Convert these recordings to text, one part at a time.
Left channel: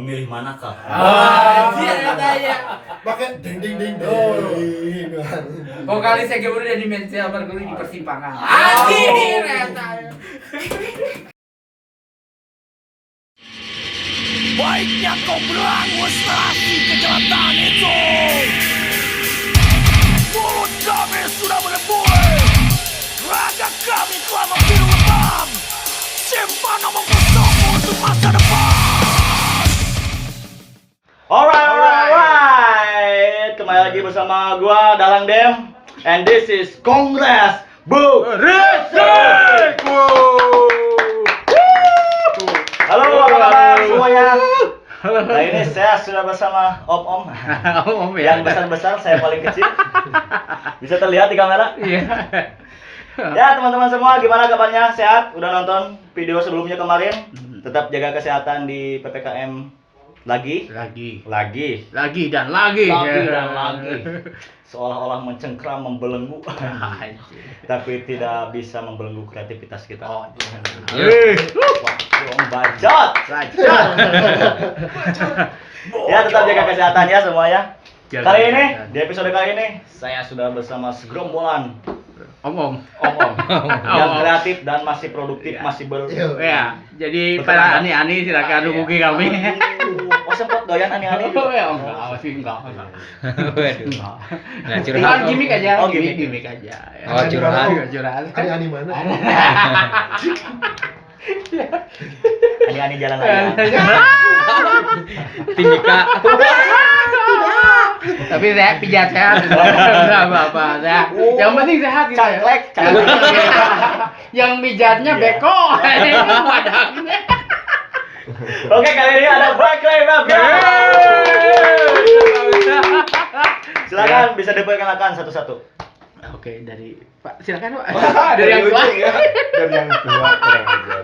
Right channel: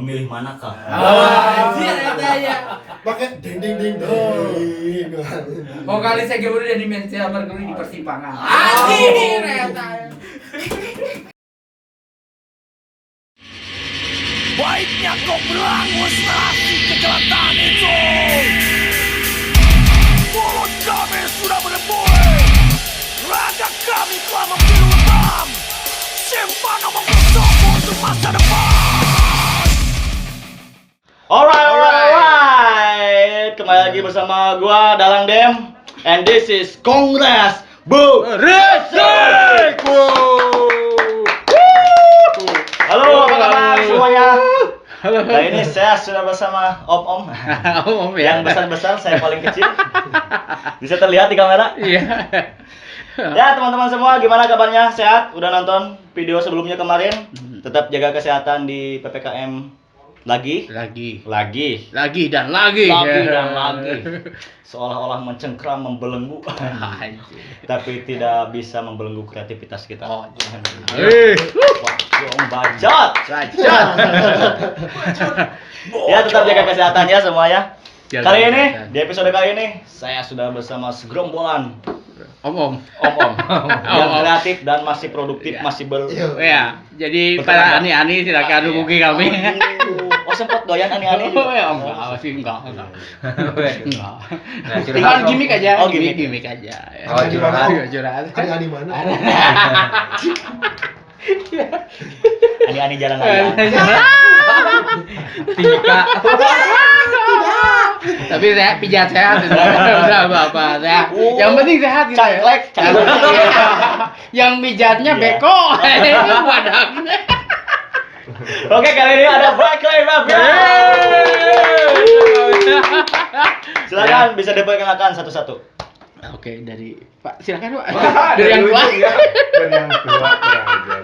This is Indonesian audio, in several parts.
Memilih manakah? Iya. Pakai ding ding ding ding. Vokalis saya udah di Mensa berguru di persimpangan. Baiknya kau berangus rasi kejahatan itu. Mulut kami sudah berbuih, raga kami telah membiru lebam. Simpan omong kosongmu untuk masa depan. Alright. Kembali lagi bersama gua Dalang Dem, and this is Kongres Bu Resik. Halo, apa kabar semuanya? Nah ini saya sudah bersama Om yang besar-besar, saya paling kecil. Bisa terlihat di kamera? Iya. Ya teman-teman semua, gimana kabarnya? Sehat? Udah nonton video sebelumnya kemarin? Tetap jaga kesehatan di PPKM lagi Dan lagi. Seolah-olah mencengkram, membelenggu. Tapi tidak bisa membelenggu kreativitas kita. Om bacot. Ya tetap jaga kesehatan ya semuanya. Kali ini, di episode kali ini saya sudah bersama segerombolan Om. yang kreatif dan masih produktif, masih Ya, jadi para ani-ani silakan hubungi kami. Oh sempat doyan aneh-aneh Oh, juga. ya, enggak. Nah, Tinggal gimmick aja. Oh, gimmick aja. Oh, Curhat. Ani mana? Aneh-aneh jalan raya. Timika. Tapi saya pijat sehat, enggak apa-apa. Yang penting sehat gitu. Cangklek. Yang pijatnya beko. Wadah. Oke, kali ini ada Black Clay Mafia. Silakan bisa diperkenalkan satu-satu. Oke, dari Pak, silakan Pak. Dari yang tua. Dari yang tua kurang ajar.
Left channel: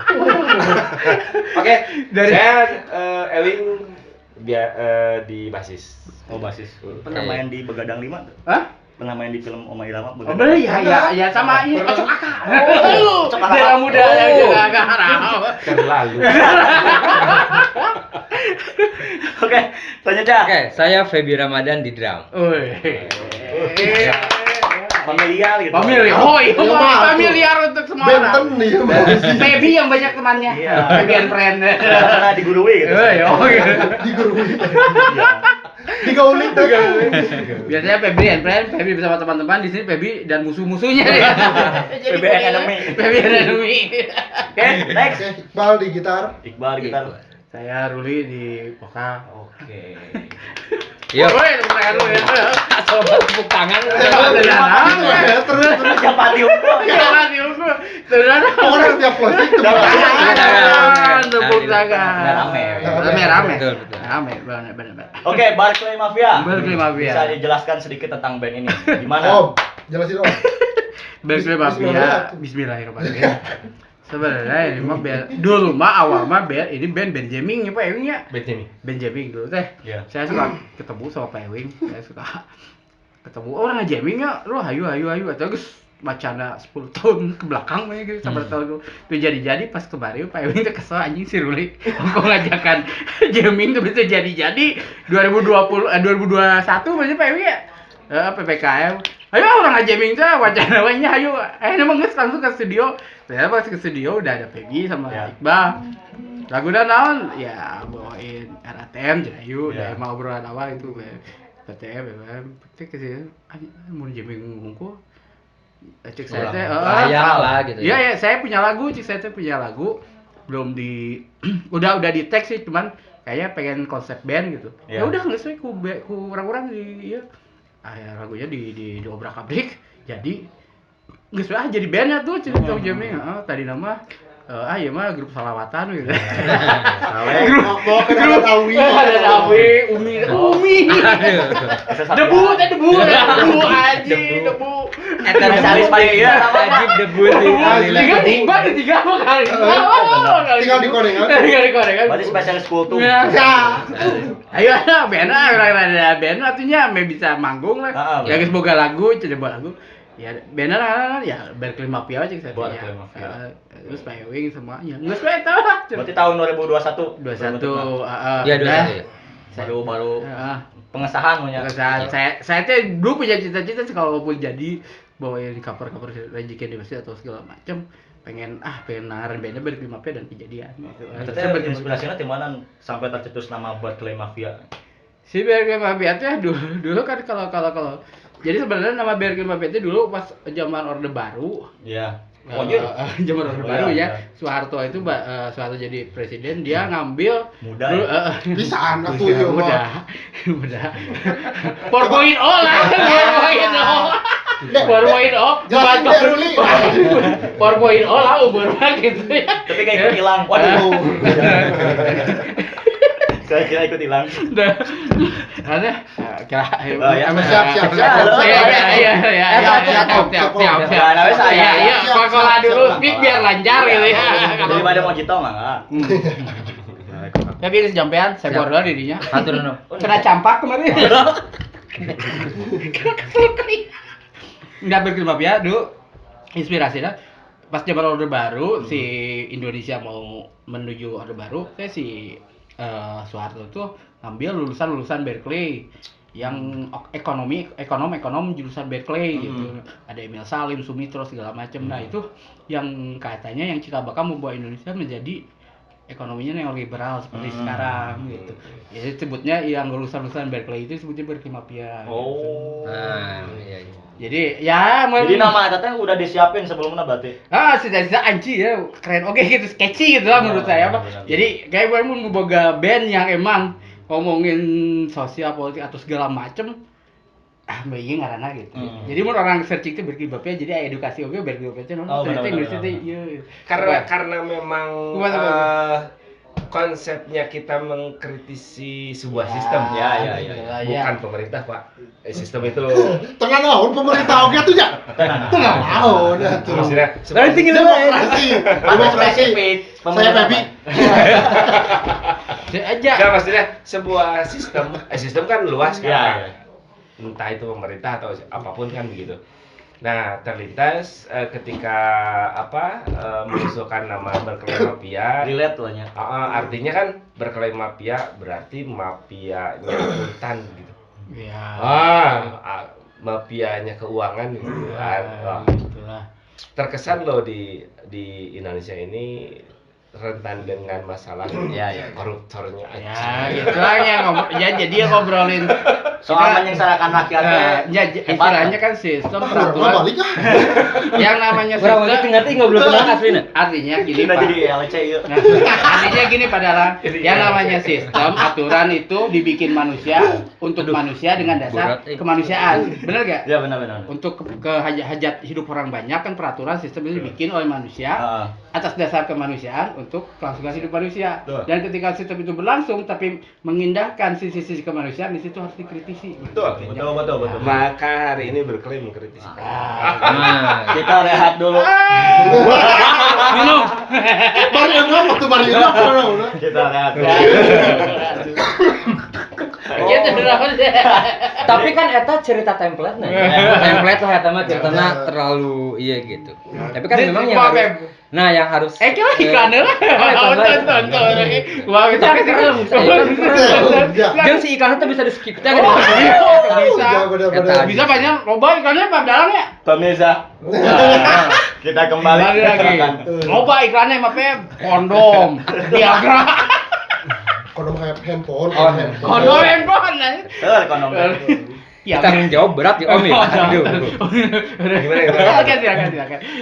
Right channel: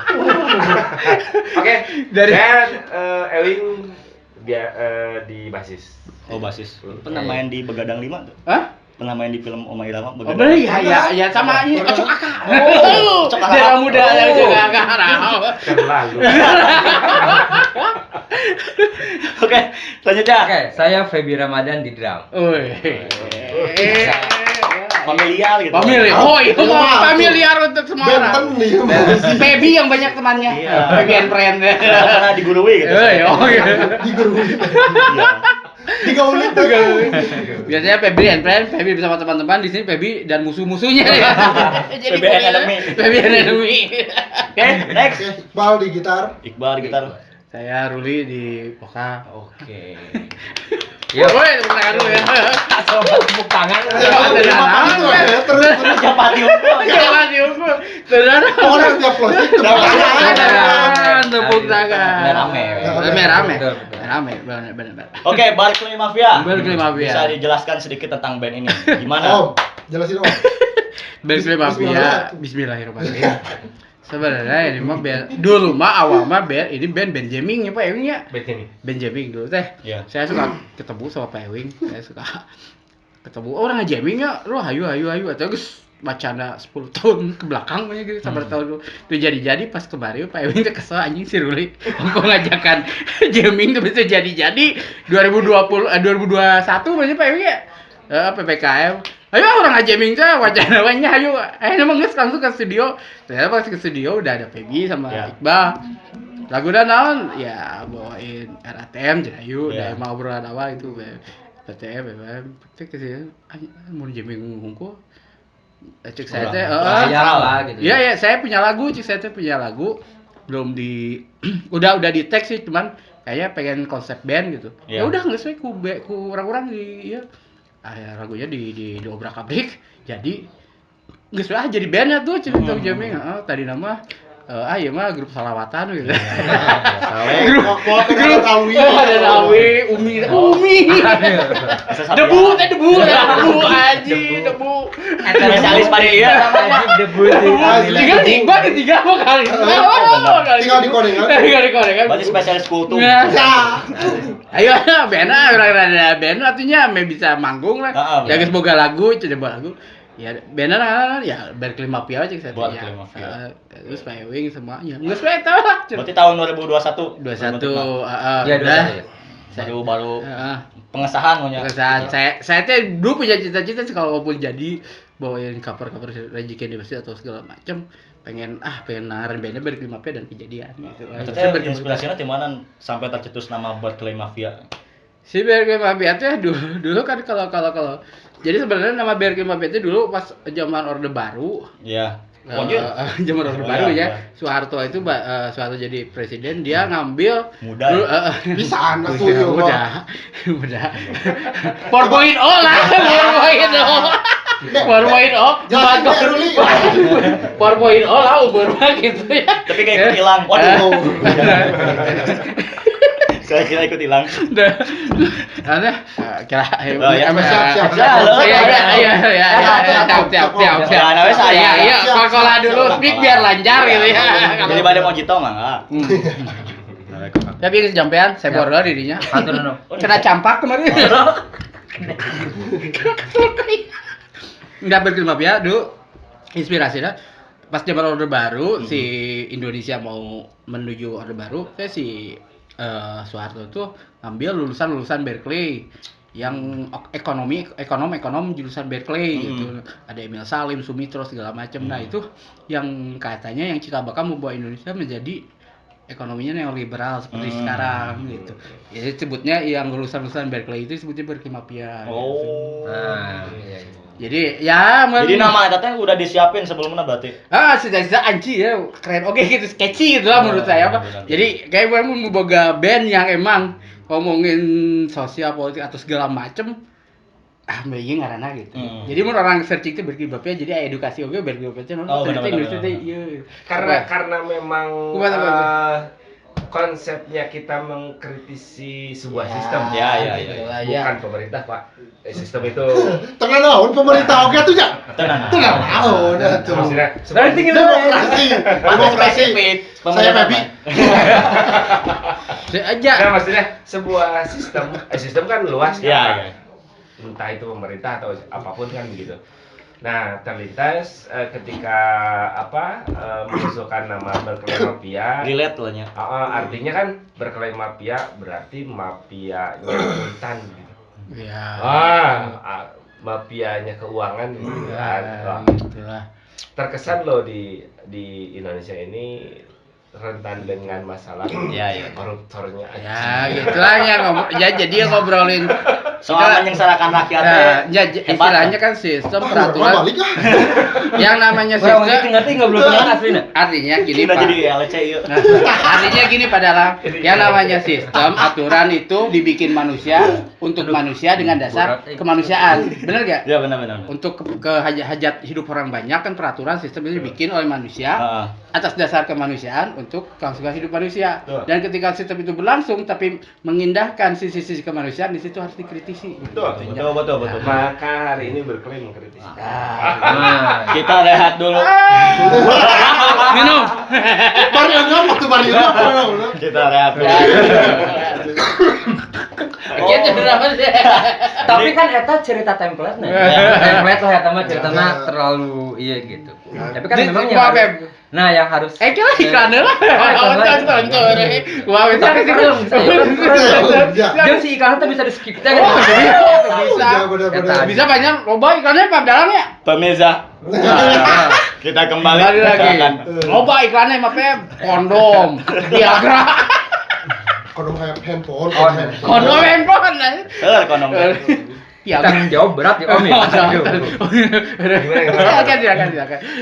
Oke, Dari- saya Ewing di basis. Oh, basis. Pernah main di Begadang 5 tuh? Hah? Pernah main di film Oma Irama Oh, Begadang? boleh ya sama ini Ocok Akar. Ocok Akar. Dia muda ya Ocok Akar. Kan lalu. Oke, selanjutnya. Oke, saya Feby Ramadan di drum. Familiar gitu. Familiar. Oh, iya, familiar untuk semua orang. Benten nih masih Baby yang banyak temannya. Iya. Baby and friend. Pernah digurui gitu. digurui. Iya. Digaulin tuh. Biasanya Feby and friend, Feby bersama teman-teman, di sini Feby dan musuh-musuhnya ya. Feby and enemy. Feby and enemy. Oke, next. Iqbal di gitar. Iqbal gitar. Saya Ruli di vokal. Oke. Yuk, Woi, tepuk tangan dulu ya. sobat tepuk tangan. Terus Siapa diukur? Jangan diukur. Beneran. pokoknya setiap closing tuh Tepuk tangan. Dan rame. Rame. Betul, betul. Rame, benar. Oke, Black Clay Mafia. Black Clay Mafia. Bisa dijelaskan sedikit tentang band ini? Gimana? Om, jelasin Om. Black Clay Mafia. Bismillahirrahmanirrahim. Sebenarnya ini mah band dulu mah awal mah band ini band jamming ya Pak Ewing ya. Band jamming dulu teh. Iya. Saya suka ketemu sama Pak Ewing, saya suka ketemu orang jamming ya, lu hayu atau geus bacana 10 tahun ke belakang banyak gitu sabar tahun itu jadi pas kemarin Pak Ewing teh kesel anjing si Ruli aku ngajakan jamming tuh bisa jadi 2021 berarti Pak Ewing ya. PPKM. Ayo orang jamming teh wacana nya ayo. Emang geus langsung ke studio. Saya pas ke studio udah ada Peggy sama Ya. Iqbal. Lagu dan naon ya bawain RATM jadi ayo Ya. udah mau obrolan awal itu RATM cek ke sini mau jamming ngungku cek saya teh Sayang lah gitu. iya saya punya lagu cek saya teh punya lagu belum di udah di teks sih cuman kayaknya pengen konsep band gitu Ya. ya udah nggak sesuai ku orang-orang di ya lagunya di obrak-abrik jadi nggak sesuai jadi bandnya tuh cerita jamming tadi nama iya mah grup salawatan gitu. Mau ke dalam Awi. Ada Awi, Umi. Debu aji, debu. Spesialis pada dia. Debu. Tiga kali. Tinggal di kodengan. Berarti spesialis kultum. Ya. Ayo, band artinya bisa manggung lah. Heeh, Ya geus boga lagu, coba lagu. Ya bener kan ya Berkeley Mafia aja saya Berkeley Mafia. Terus Pewing semuanya. Enggak suka tahu lah. Berarti tahun 2021. 21 Iya, udah. 21. Baru pengesahan punya. Saya tuh dulu punya cita-cita sih kalau pun jadi bawain cover-cover Rage Against the Machine atau segala macam pengen naran bandnya Berkeley Mafia dan kejadian gitu. Maksudnya inspirasinya di mana sampai tercetus nama Berkeley Mafia? Si Berkeley Mafia tuh dulu kan kalau jadi sebenarnya nama Berkeley Mafia itu dulu pas zaman Orde Baru. Iya. Zaman Orde Baru ya. Soeharto itu Soeharto jadi presiden, dia ngambil Muda. dulu, Di sana tuh ya, muda. 4.0 lah. 4.0. 4.0. Jelasin deh, Ruli. 4.0 lah umur mah gitu ya. Tapi kayak ikut hilang. Waduh. Saya kira ikut hilang. Ada kira Oh, ya. Siap. Iya, sekolah dulu speak biar lancar gitu ya. Jadi pada mau jitong mah. Tapi kesampean saya keluar dulu dirinya. Atur no. Kena campak kemarin. Enggak Berkeley Mafia dulu inspirasinya pas zaman Orde Baru si Indonesia mau menuju Orde Baru, saya si Soeharto itu ambil lulusan Berkeley yang ekonom jurusan Berkeley gitu. Ada Emil Salim, Sumitro segala macam. Nah, itu yang katanya yang cikal bakal membawa Indonesia menjadi ekonominya neoliberal seperti sekarang gitu. Jadi sebutnya yang lulusan Berkeley itu sebutnya Berkeley Mafia. Oh. Iya. Jadi ya Jadi nama eta teh udah disiapin sebelumnya berarti. sudah anji ya keren oke gitu sketchy gitu lah menurut saya Pak. Jadi kayak gue mau boga band yang emang ngomongin sosial politik atau segala macem begini ngaranna gitu. Jadi mun orang searching itu Berkeley Mafia jadi edukasi oke Berkeley Mafia ternyata Indonesia teh iya. Karena memang konsepnya kita mengkritisi sebuah sistem Ya. bukan pemerintah Pak. Sistem itu Tengah naon pemerintah oke tuh ya. Tengah naon atuh. maksudnya Berarti Demokrasi. Saya Pepi. Aja. Nah, maksudnya sebuah sistem kan luas kan. Iya. Entah itu pemerintah atau apapun kan begitu. Nah, terlintas ketika mengusulkan nama Berkeley Mafia, Relate lah nya. artinya kan Berkeley Mafia berarti mafia hutan gitu. Ya. Wah, mafianya keuangan gitu. Wah, Itulah. terkesan loh di Indonesia ini rentan dengan masalah koruptornya Ya, aja. gitu lah yang jadi ngobrolin Soal menyengsarakan rakyat. istilahnya kan sistem Peraturan peraturan balik ah. yang namanya Orang sistem ngerti ngobrol dengan aslinya. artinya gini Kita Pak. jadi LC yuk. Nah, artinya gini Pak Dalam, yang namanya sistem aturan itu dibikin manusia untuk manusia dengan dasar kemanusiaan, benar gak? Ya benar. Untuk hajat hidup orang banyak kan peraturan sistem itu dibikin oleh manusia Heeh. atas dasar kemanusiaan untuk kelangsungan hidup manusia. Betul. Dan ketika sistem itu berlangsung tapi mengindahkan sisi-sisi kemanusiaan di situ harus dikritisi. Betul. Betul. Maka hari ini Berkeley mengkritisi. Kita rehat dulu. Minum. Mario Kita rehat. Gitu kenapa sih? Tapi kan eta cerita template nih. Template lah eta mah ceritanya terlalu iya gitu. Tapi kan memang yang harus yang harus Iklannya lah. Tonton. Wah, itu apa sih? Jangan si iklannya tuh bisa di skip teh. Bisa banyak loba iklannya Pak Dalam ya? Pemirsa. Kita kembali lagi. Loba iklannya mah kondom, Viagra. Kondom handphone. Kondom handphone lah. Kondom. Ya, Tanggung jawab berat ya Om ya. Silakan.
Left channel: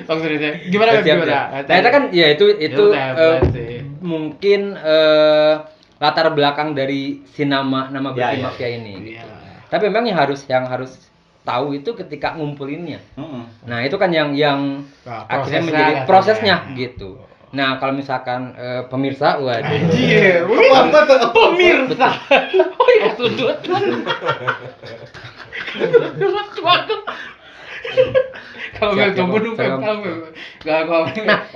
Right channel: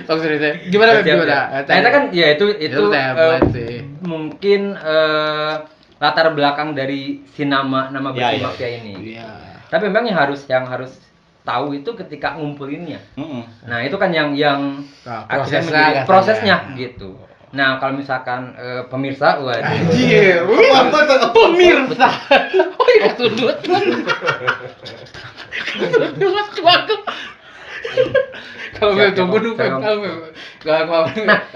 Tong serius. Gimana? Nah, itu kan ya itu mungkin latar belakang dari si nama Berkeley Mafia ini. Iya. Tapi memang yang harus tahu itu ketika ngumpulinnya. Nah, itu kan yang akhirnya menjadi prosesnya gitu. Nah, kalau misalkan pemirsa, waduh. Anjir, pemirsa. Oh iya, tundut. Kalau nggak coba dulu tahu. Nah,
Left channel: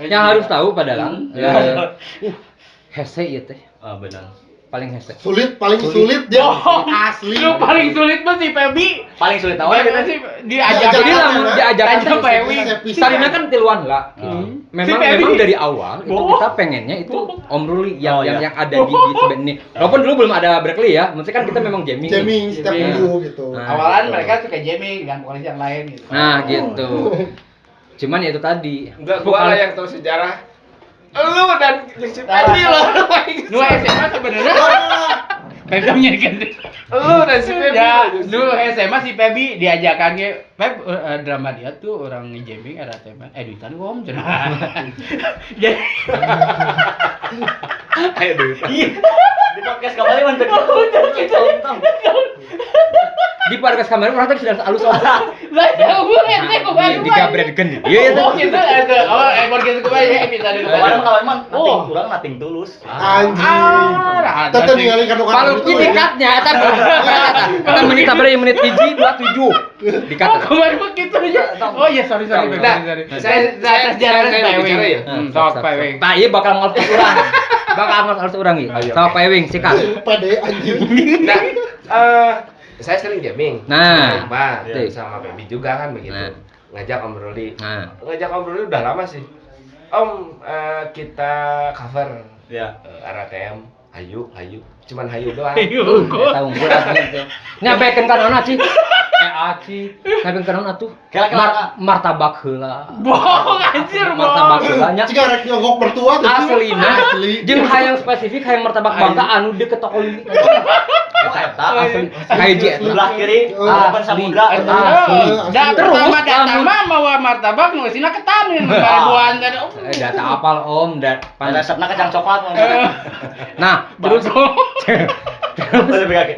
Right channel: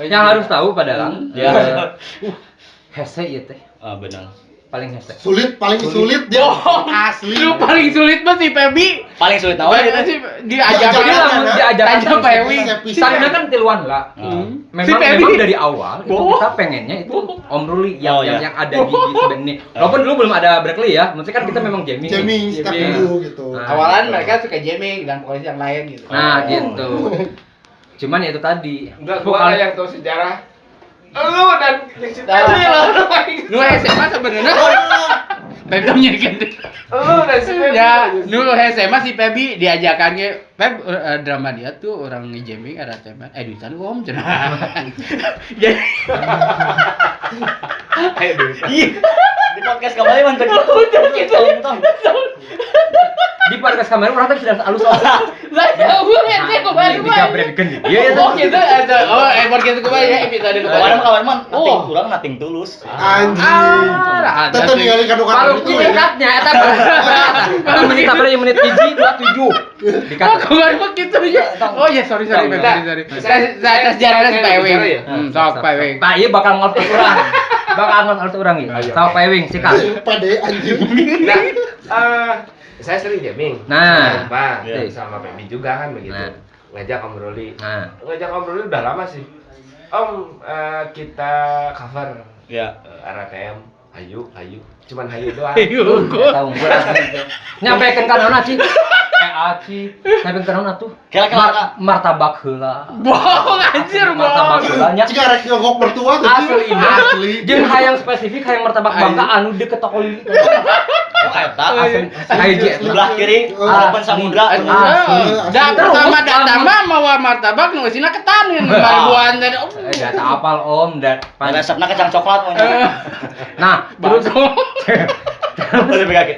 yang harus tahu padahal hese ya teh. Ah benar. paling hese. Paling sulit dia asli. Lu paling sulit mah si Pebi. Paling sulit tahu gitu sih. Diajak Jadi lamun diajakan aja sama Pewi. Karena kan tiluan lah. Memang dari awal itu kita pengennya itu Om Ruli yang ada di sebenarnya ini. Walaupun dulu belum ada Berkeley ya, maksudnya kan kita memang jamming Start dulu gitu. Awalan mereka suka jamming dan polisi yang lain gitu. Nah, gitu. Cuman ya itu tadi. Enggak, gua yang tahu sejarah. Lu dan Nu SMA sebenarnya Pebnya kan. lu dan si Pebi. Ya, nu SMA si Pebi diajakannya Peb drama dia tuh orang jamming ada tema editan om cenah. Jadi Di podcast kemarin mantan gitu. Di podcast kemarin orang tuh sudah halus lah jauh ente kemarin. digabrekeun di Iya itu. Gitu ada. Oh, podcast kemarin episode Kemarin kemarin. mah urang nating tulus. Anjing. Tetep ningali kanu-kanu Kalau itu ya. dekatnya eta menit apa ya menit 7 dikat. Kemarin mah gitu ya. Oh iya sorry. Nah, Saya sejarah saya Pak bicara Ewing. ya? Sok Pak Ewing. Nah, iya bakal ngolot orang. Bakal ngolot orang ya. Sama Pak Ewing sikat. Pede anjing. Nah, saya sering jamming. Nah, Pak, iya. sama Pebi juga kan begitu. Nah. Ngajak Om Ruli. Nah. Ngajak Om Ruli udah lama sih. Om, kita cover Ya. RATM. Hayu. Cuman hayu doang. Tahu gue nyampaikan ka naon Ci? Aci, nyampaikan ka naon atuh? Kira-kira Martabak heula. Bohong anjir, Martabak heula nya. Jika rek nyogok mertua tuh. Asli. Jeung hayang spesifik hayang martabak bangka anu deket toko lili. Asli. Hiji Sebelah kiri open samudra. Dan pertama datang mah mawa martabak nu geusina ketanin ribuan tadi. data apal Om dan Pada resepna kacang coklat. Nah, Beruntung.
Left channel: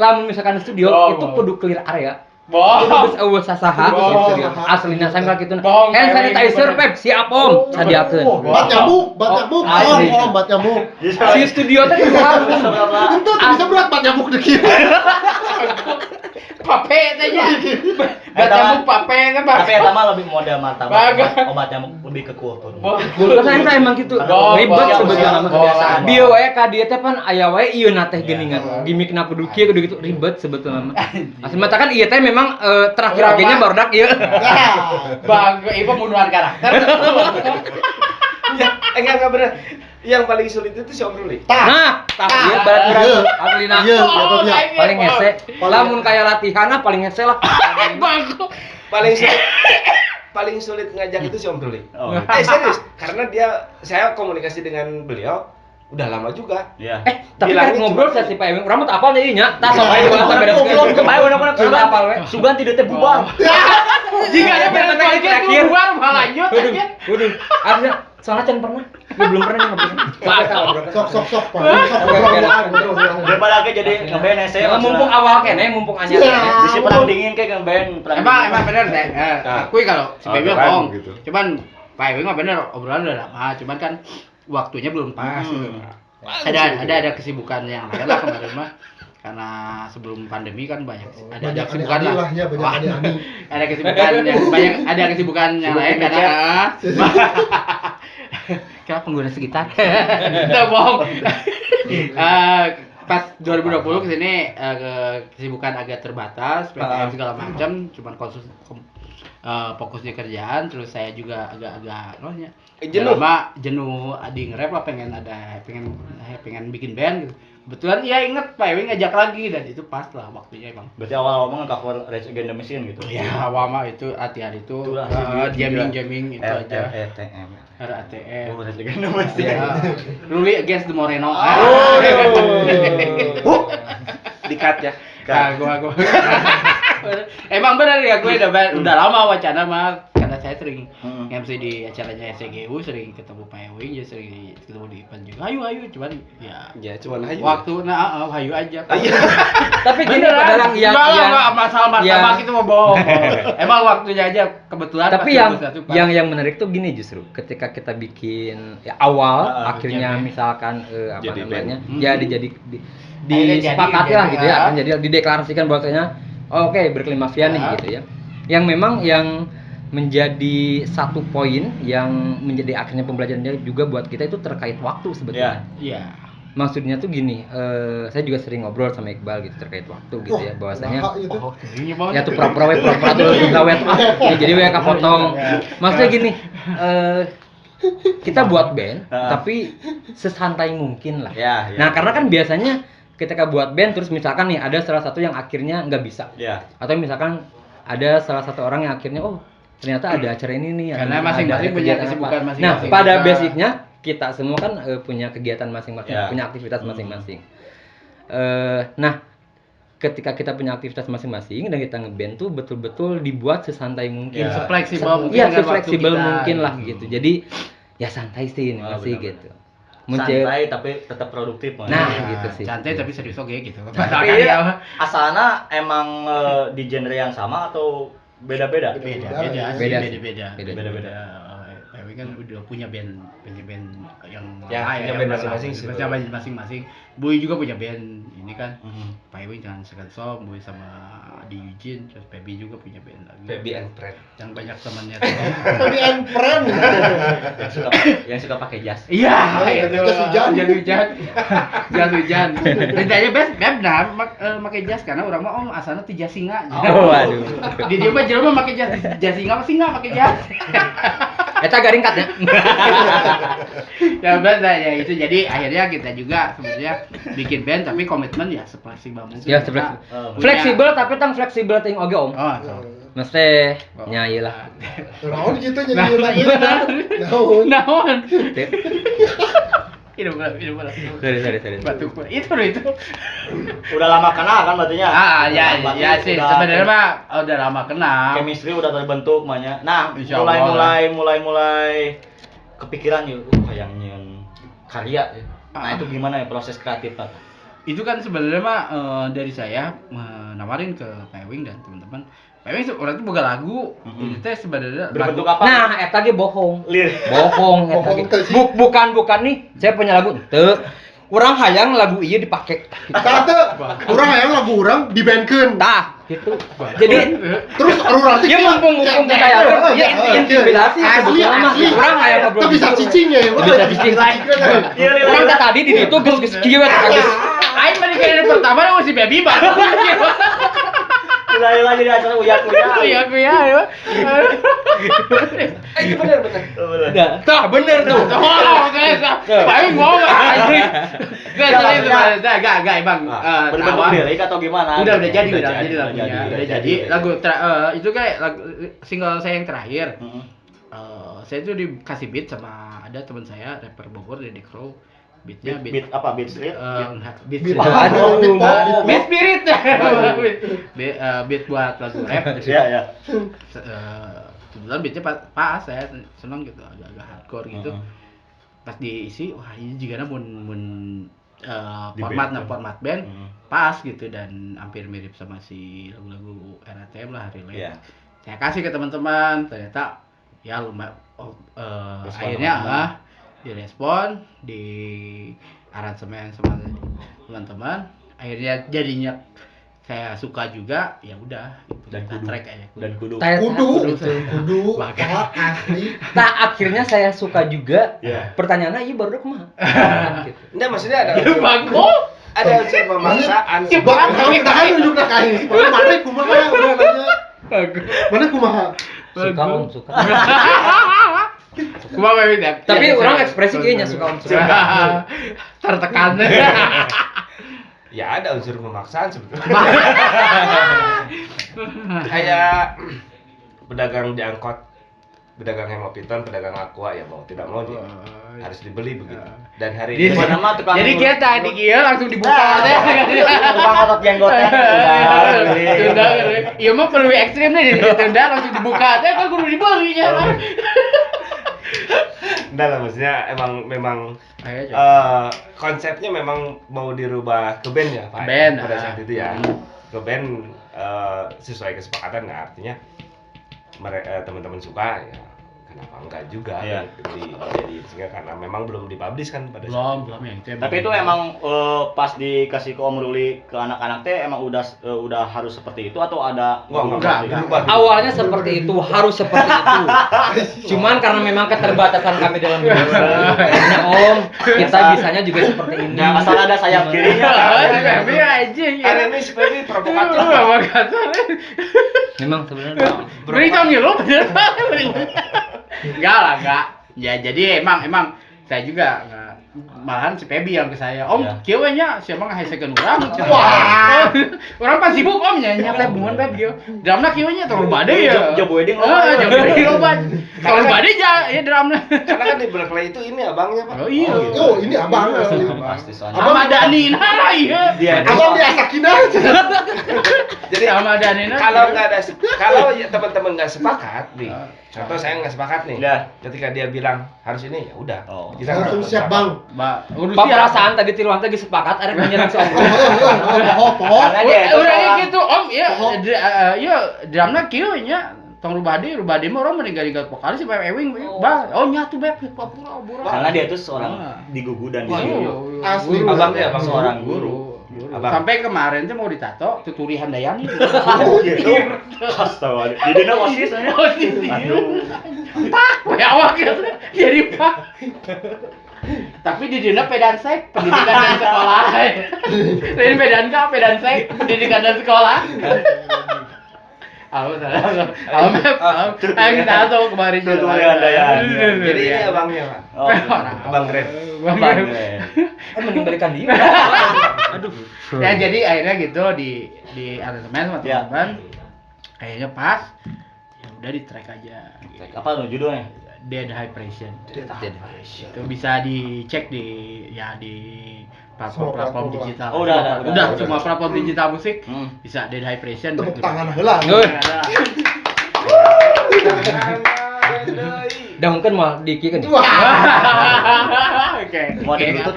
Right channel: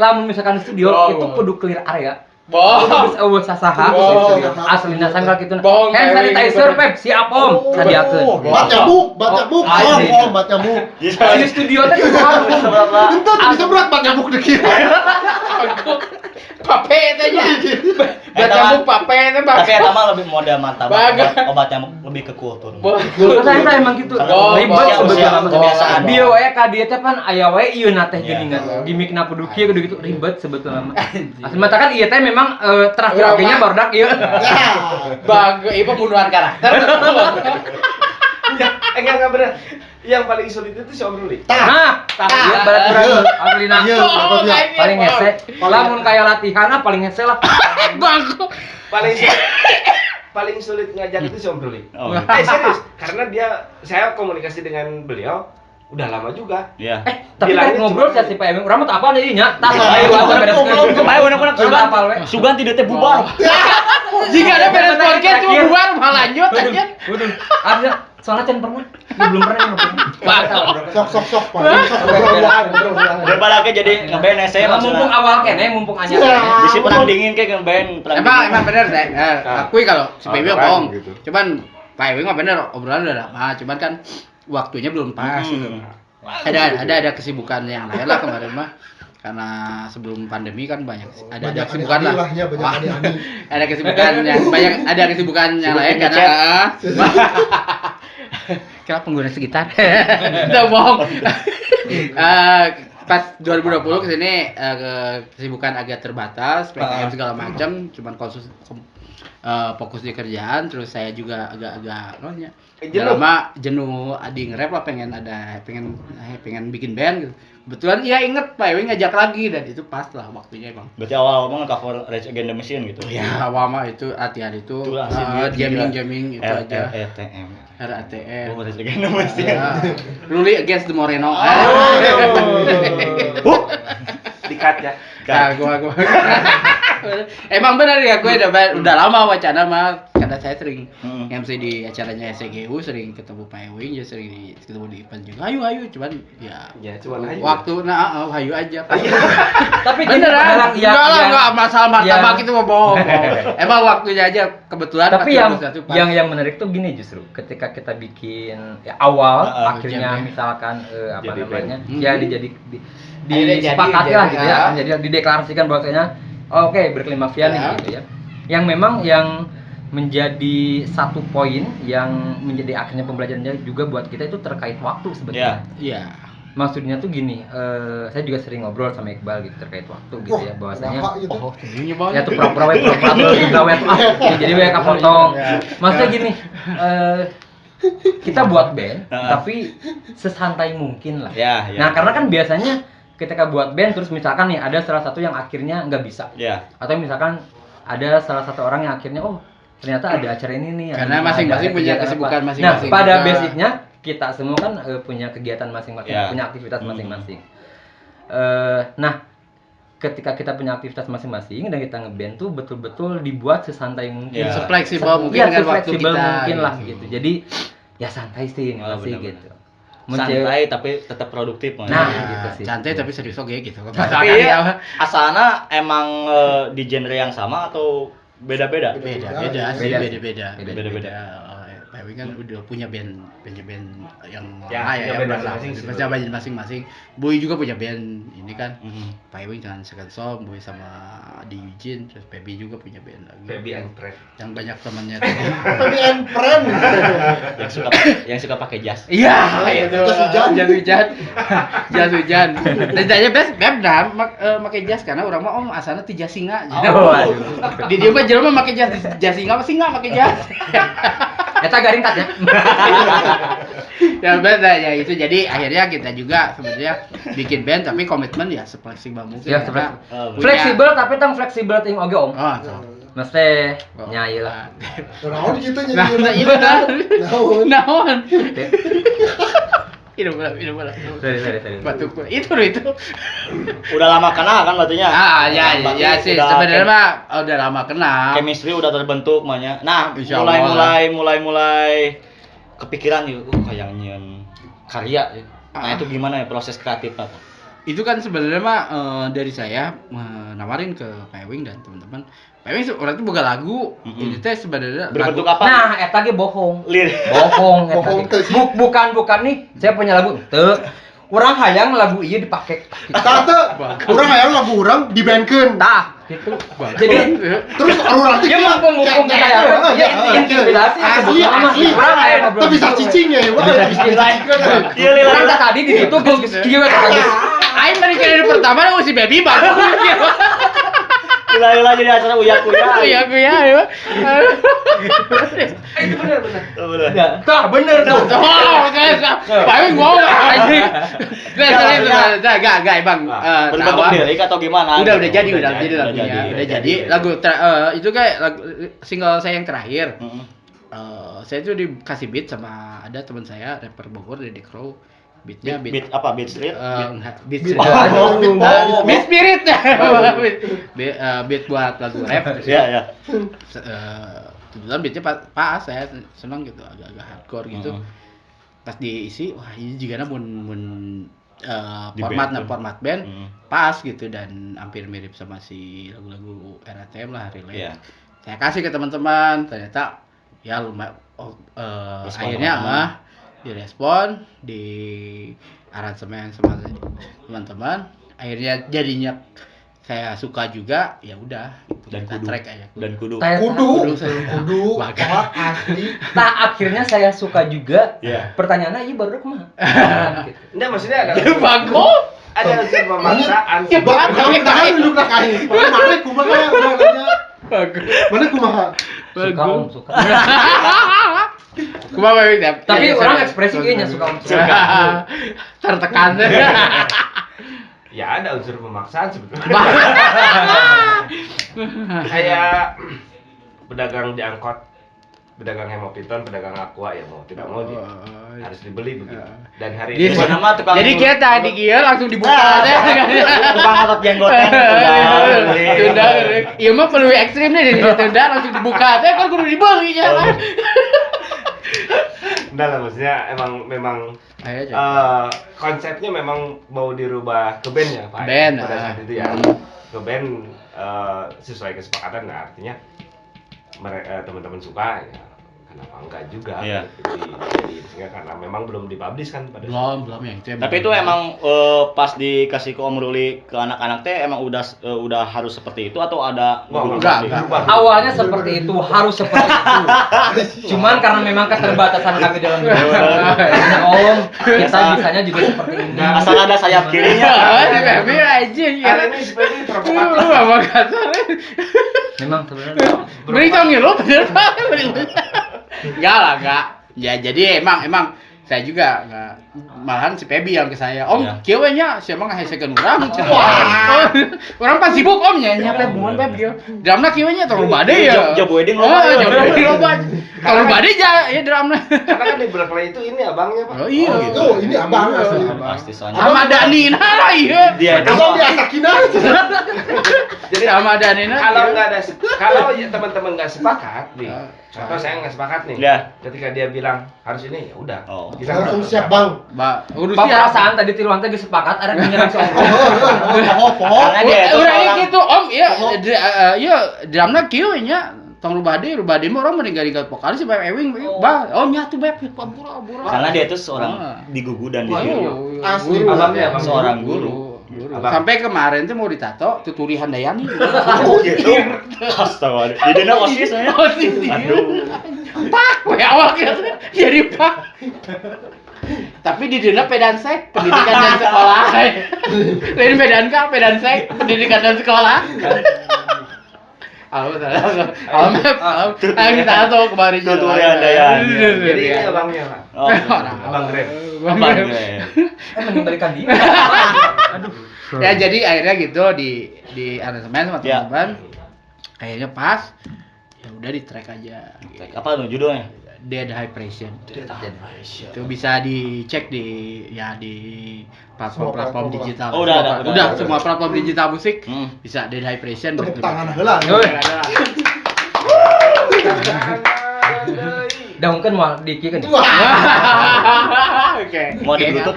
lamun misalkan di studio itu kudu clear area. Bohong. Terus eueuh sasaha. Bohong. Aslinya sangka kitu. Bohong, Hand sanitizer Pep siap Om. Sadiakeun. Bat nyamuk. Asli. Bat nyamuk. Di studio teh di warung. Itu bisa berat bat nyamuk dikit. Pape tanya. Baca buku pape teh Tapi eta mah lebih model martabak. Bagus. Obat nyamuk lebih ke kultur. Karena emang gitu. Ribet sebenarnya. Kebiasaan. Dia wae ka dieu teh pan aya wae ieu na teh geuningan. Gimikna kudu kieu kudu gitu ribet sebetulnya. Asli mata kan ieu teh memang terakhir oge-nya barudak ieu. Bagus, itu pembunuhan karakter. Enggak bener. Yang paling sulit itu si Om Ruli. Nah, ieu baturan aglina. Iya, Paling hese. Lamun kaya latihan paling hese lah. Bagus. Paling sulit ngajak itu si Om Ruli. Oh. Serius, karena saya komunikasi dengan beliau udah lama juga. Iya. Tapi Bilangnya kan ngobrol cuma- sa si Pak Ewing, urang mah teu apal deui nya. Tah Ayo, ayo beres. Ayo, bener-bener apal we. Sugan tidak teh bubar. Jika ada beres podcast cuma keluar mah lanjut aja. Waduh, artinya soalnya can pernah. Gua belum pernah. Sok paling sok ngobrol. Daripada ke jadi ngeband saya Mumpung awal kene, mumpung anyar. Bisi perang dingin ke ngeband. Emang bener deh. Akui kalau si Baby Orang bohong. gitu. Cuman Pak Ewing mah bener obrolan udah lama, cuman kan waktunya belum pas gitu. Ada kesibukan yang lain lah kemarin mah. Karena sebelum pandemi kan banyak ada kesibukan lah. Ya, banyak aneh-aneh. Ada kesibukan yang banyak kesibukan yang lain karena kira pengguna sekitar. Udah bohong. Pas 2020 kesini kesibukan agak terbatas, PPM segala macam, cuman fokus di kerjaan, terus saya juga agak lama jenuh adi nge-rap lah, pengen bikin band gitu. Kebetulan iya inget Pak Ewing ngajak lagi dan itu pas lah waktunya emang. Berarti awal ngomong cover Rage Against the Machine gitu. Ya awal mah itu latihan itu jamming itu aja. RATM. RATM. Oh, Rage Against the Machine. Ruli against the Moreno. Dikat ya. Nah, gua. Emang benar ya, gue udah lama wacana mah karena saya sering MC di acaranya SCGU, sering ketemu Pak Ewing, ya sering ketemu di event juga. Hayu, cuman Ya cuman hayu. waktu hayu aja. Tapi gini dalam yang masalah martabak itu mau bohong. Emang waktunya aja kebetulan. tapi yang menarik tuh gini justru ketika kita bikin ya awal akhirnya misalkan apa Jadi namanya band. ya disepakati lah gitu ya akan jadi dideklarasikan bahwasanya oke Berkeley Mafia nih gitu ya yang memang yang menjadi satu poin yang menjadi akhirnya pembelajarannya juga buat kita itu terkait waktu sebetulnya. Iya. maksudnya tuh gini, saya juga sering ngobrol sama Iqbal gitu terkait waktu gitu ya, bahwasanya ya tuh pura-pura gawe jadi WK potong. Maksudnya gini, kita buat band tapi sesantai mungkin lah. Nah, karena kan biasanya ketika buat band terus misalkan nih ada salah satu yang akhirnya nggak bisa. Atau misalkan ada salah satu orang yang akhirnya ternyata ada acara ini nih. Karena masing-masing punya kesibukan masing-masing. Nah, pada basicnya kita semua kan punya kegiatan masing-masing, punya aktivitas masing-masing. Nah, ketika kita punya aktivitas masing-masing dan kita ngeband tuh betul-betul dibuat sesantai mungkin, sefleksibel mungkin, sefleksibel mungkin lah gitu. Jadi ya santai sih gitu. Santai tapi tetap produktif. Nah, gitu sih. Santai tapi serius oke gitu. Tapi asalnya emang di genre yang sama atau beda-beda? Beda-beda. Tapi kan udah punya band yang band masing-masing. Boy juga punya band ini kan. Pak Ewing dengan Second Song, Boy sama Di Eugene, terus Pebi juga punya band lagi. Pebi and Friend. Yang banyak temannya. Pebi and Friend. yang suka pakai jas. Iya, jas hujan. Dan tanya best pakai jas karena orang mah asalnya ti jas singa. Di dia mah jelema pakai jas singa pakai jas. Eta garing kat ya. Ya beda ya itu, jadi akhirnya kita juga sebenarnya bikin band tapi komitmen ya fleksibel mungkin. Ya fleksibel tapi tang fleksibel ting oge om. Mesti nyai lah. Naon gitu nyanyi naon. Itu bola. Sorry. Batuk itu. Udah lama kenal kan berarti ya? Ya sih sebenarnya mah udah lama kenal. Chemistry udah terbentuk makanya. Nah, mulai kepikiran yuk kayak nyen karya ya. Nah, itu gimana ya proses kreatifnya? Itu kan sebenarnya mah dari saya menawarin ke Pak Ewing dan teman-teman. Pak Ewing orang itu boga lagu. Ini teh sebenarnya berbentuk lagu. apa? Nah, eta ge bohong. Bohong teh sih. Bukan nih. Saya punya lagu teu. Urang hayang lagu ieu dipake. Tah, urang hayang lagu urang dibandkeun. Tah, gitu. Jadi Terus urang teh ya mumpung saya inspirasi asli. Urang hayang ngobrol. Itu bisa cicing ya, Bisa cicing lain. Urang tadi ditutup geus kieu we geus. Aing mah kali pertama si Baby Bang. Gila jadi acara uya-uya. Iya. Itu bener. Tah bener tuh. Pak Ewing mau anjing. Enggak, Bang. Berbentuk lirik atau gimana? Udah jadi lagu itu kayak lagu single saya yang terakhir. Saya tuh dikasih beat sama ada teman saya rapper Bogor dari Crow. Beatnya beat apa? Beat street? Beat spirit ya. Beat buat lagu rap. Iya. Kebetulan beatnya pas saya senang gitu, agak hardcore gitu. Pas diisi, wah ini juga format band pas gitu dan hampir mirip sama si lagu-lagu RATM lah, Relay. Saya kasih ke teman-teman, ternyata ya lumayan akhirnya direspon, di aransemen sama teman-teman, akhirnya jadinya saya suka juga, ya udah dan kudu asli. Nah, akhirnya saya suka juga. Pertanyaannya ieu baru kumaha? Enggak, maksudnya ada bagus. Ada unsur pemaksaan. Tahan nunjuk ka kain. Mana kumaha udah nanya. Bagus. Mana kumaha? Suka. Kumaha Baby? Tapi orang ekspresi kayaknya suka. Tertekan. Ya ada unsur pemaksaan sebetulnya. Kayak pedagang di angkot, pedagang hemopiton, pedagang aqua ya mau tidak mau dia harus dibeli begitu. Dan hari ini jadi kita di kia langsung dibuka teh. Tukang otot jenggotnya. Tunda. Ieu mah perlu ekstrim nih jadi tunda langsung dibuka teh kan kudu dibeli nya. Enggak lah, maksudnya memang konsepnya memang mau dirubah ke band ya Pak. Band pada saat itu ya. Ke band sesuai kesepakatan, nggak artinya teman-teman suka ya kenapa enggak juga Iya. dijadiin sehingga karena memang belum dipublish kan pada Belum yang itu. Tapi itu emang pas dikasih ke Om Ruli ke anak-anak teh emang udah harus seperti itu atau ada Enggak. Awalnya seperti itu, harus seperti itu. Cuman karena memang keterbatasan kami dalam dunia Om, kita bisanya juga seperti ini. asal ada sayap kirinya. Tapi aja ya. Hari ini sebenarnya provokatif. Memang sebenarnya Beri tau ngilu bener. Enggak lah, enggak. Ya jadi emang saya juga enggak. Malahan si Pebi yang ke saya, Om, Iya. kieu nya siapa ngahesekeun urang. Wah. Urang pas sibuk Om nya nyampe bungan Peb kieu. Drumna kieu nya terlalu bade ya. Job wedding loba. Job wedding loba. Terlalu bade ya drumna. Karena kan di Berkeley itu ini abangnya Pak. Oh iya. Oh, ini abang asli. Pasti soalnya. Sama Danina lah iya. Dia Abang diasakin aja. Jadi Sama Danina. kalau nggak ada kalau ya teman-teman nggak sepakat nih, Oh, contoh saya nggak sepakat nih, Iya. ketika dia bilang harus ini ya udah, Oh. kita Langsung berapa? siap bang. Mbak, urus Pak perasaan tadi tiluan teh geus sepakat ada menyerang si Om. Karena dia itu Urangnya seorang- gitu, Om, iya drumna kieu nya tong rubade mah orang meninggal vokalis si Beb Ewing, Bang. Oh nya tuh Beb, pura. karena dia itu seorang digugu dan Waduh, Asli, guru, abang ya, abang. Seorang guru. Abang. Sampai kemarin tuh mau ditato Tuturi Handayani. Oh gitu. Astaga. Di dana OSIS nya. Aduh. Pak, we awak ya. Jadi Pak. Tapi di dina pedansek pendidikan dan sekolah. Ini pedan sek pendidikan dan sekolah. Salah. Ayo kita tahu kemarin Tuturi Handayani. Jadi ini abangnya Pak. Oh, Abang Grab. Bang. Mengembalikan dia. Ya jadi akhirnya gitu di aransemen sama Ya. teman-teman. Kayaknya pas. Ya udah di track aja. Apa tuh judulnya? Dead High Pressure. Itu bisa dicek di platform digital. Oh, udah. Semua platform digital musik Hmm. bisa Dead High Pressure. Tepuk gitu. tangan heula. Dah mungkin mau dikieun. Oke. Mau ditutup?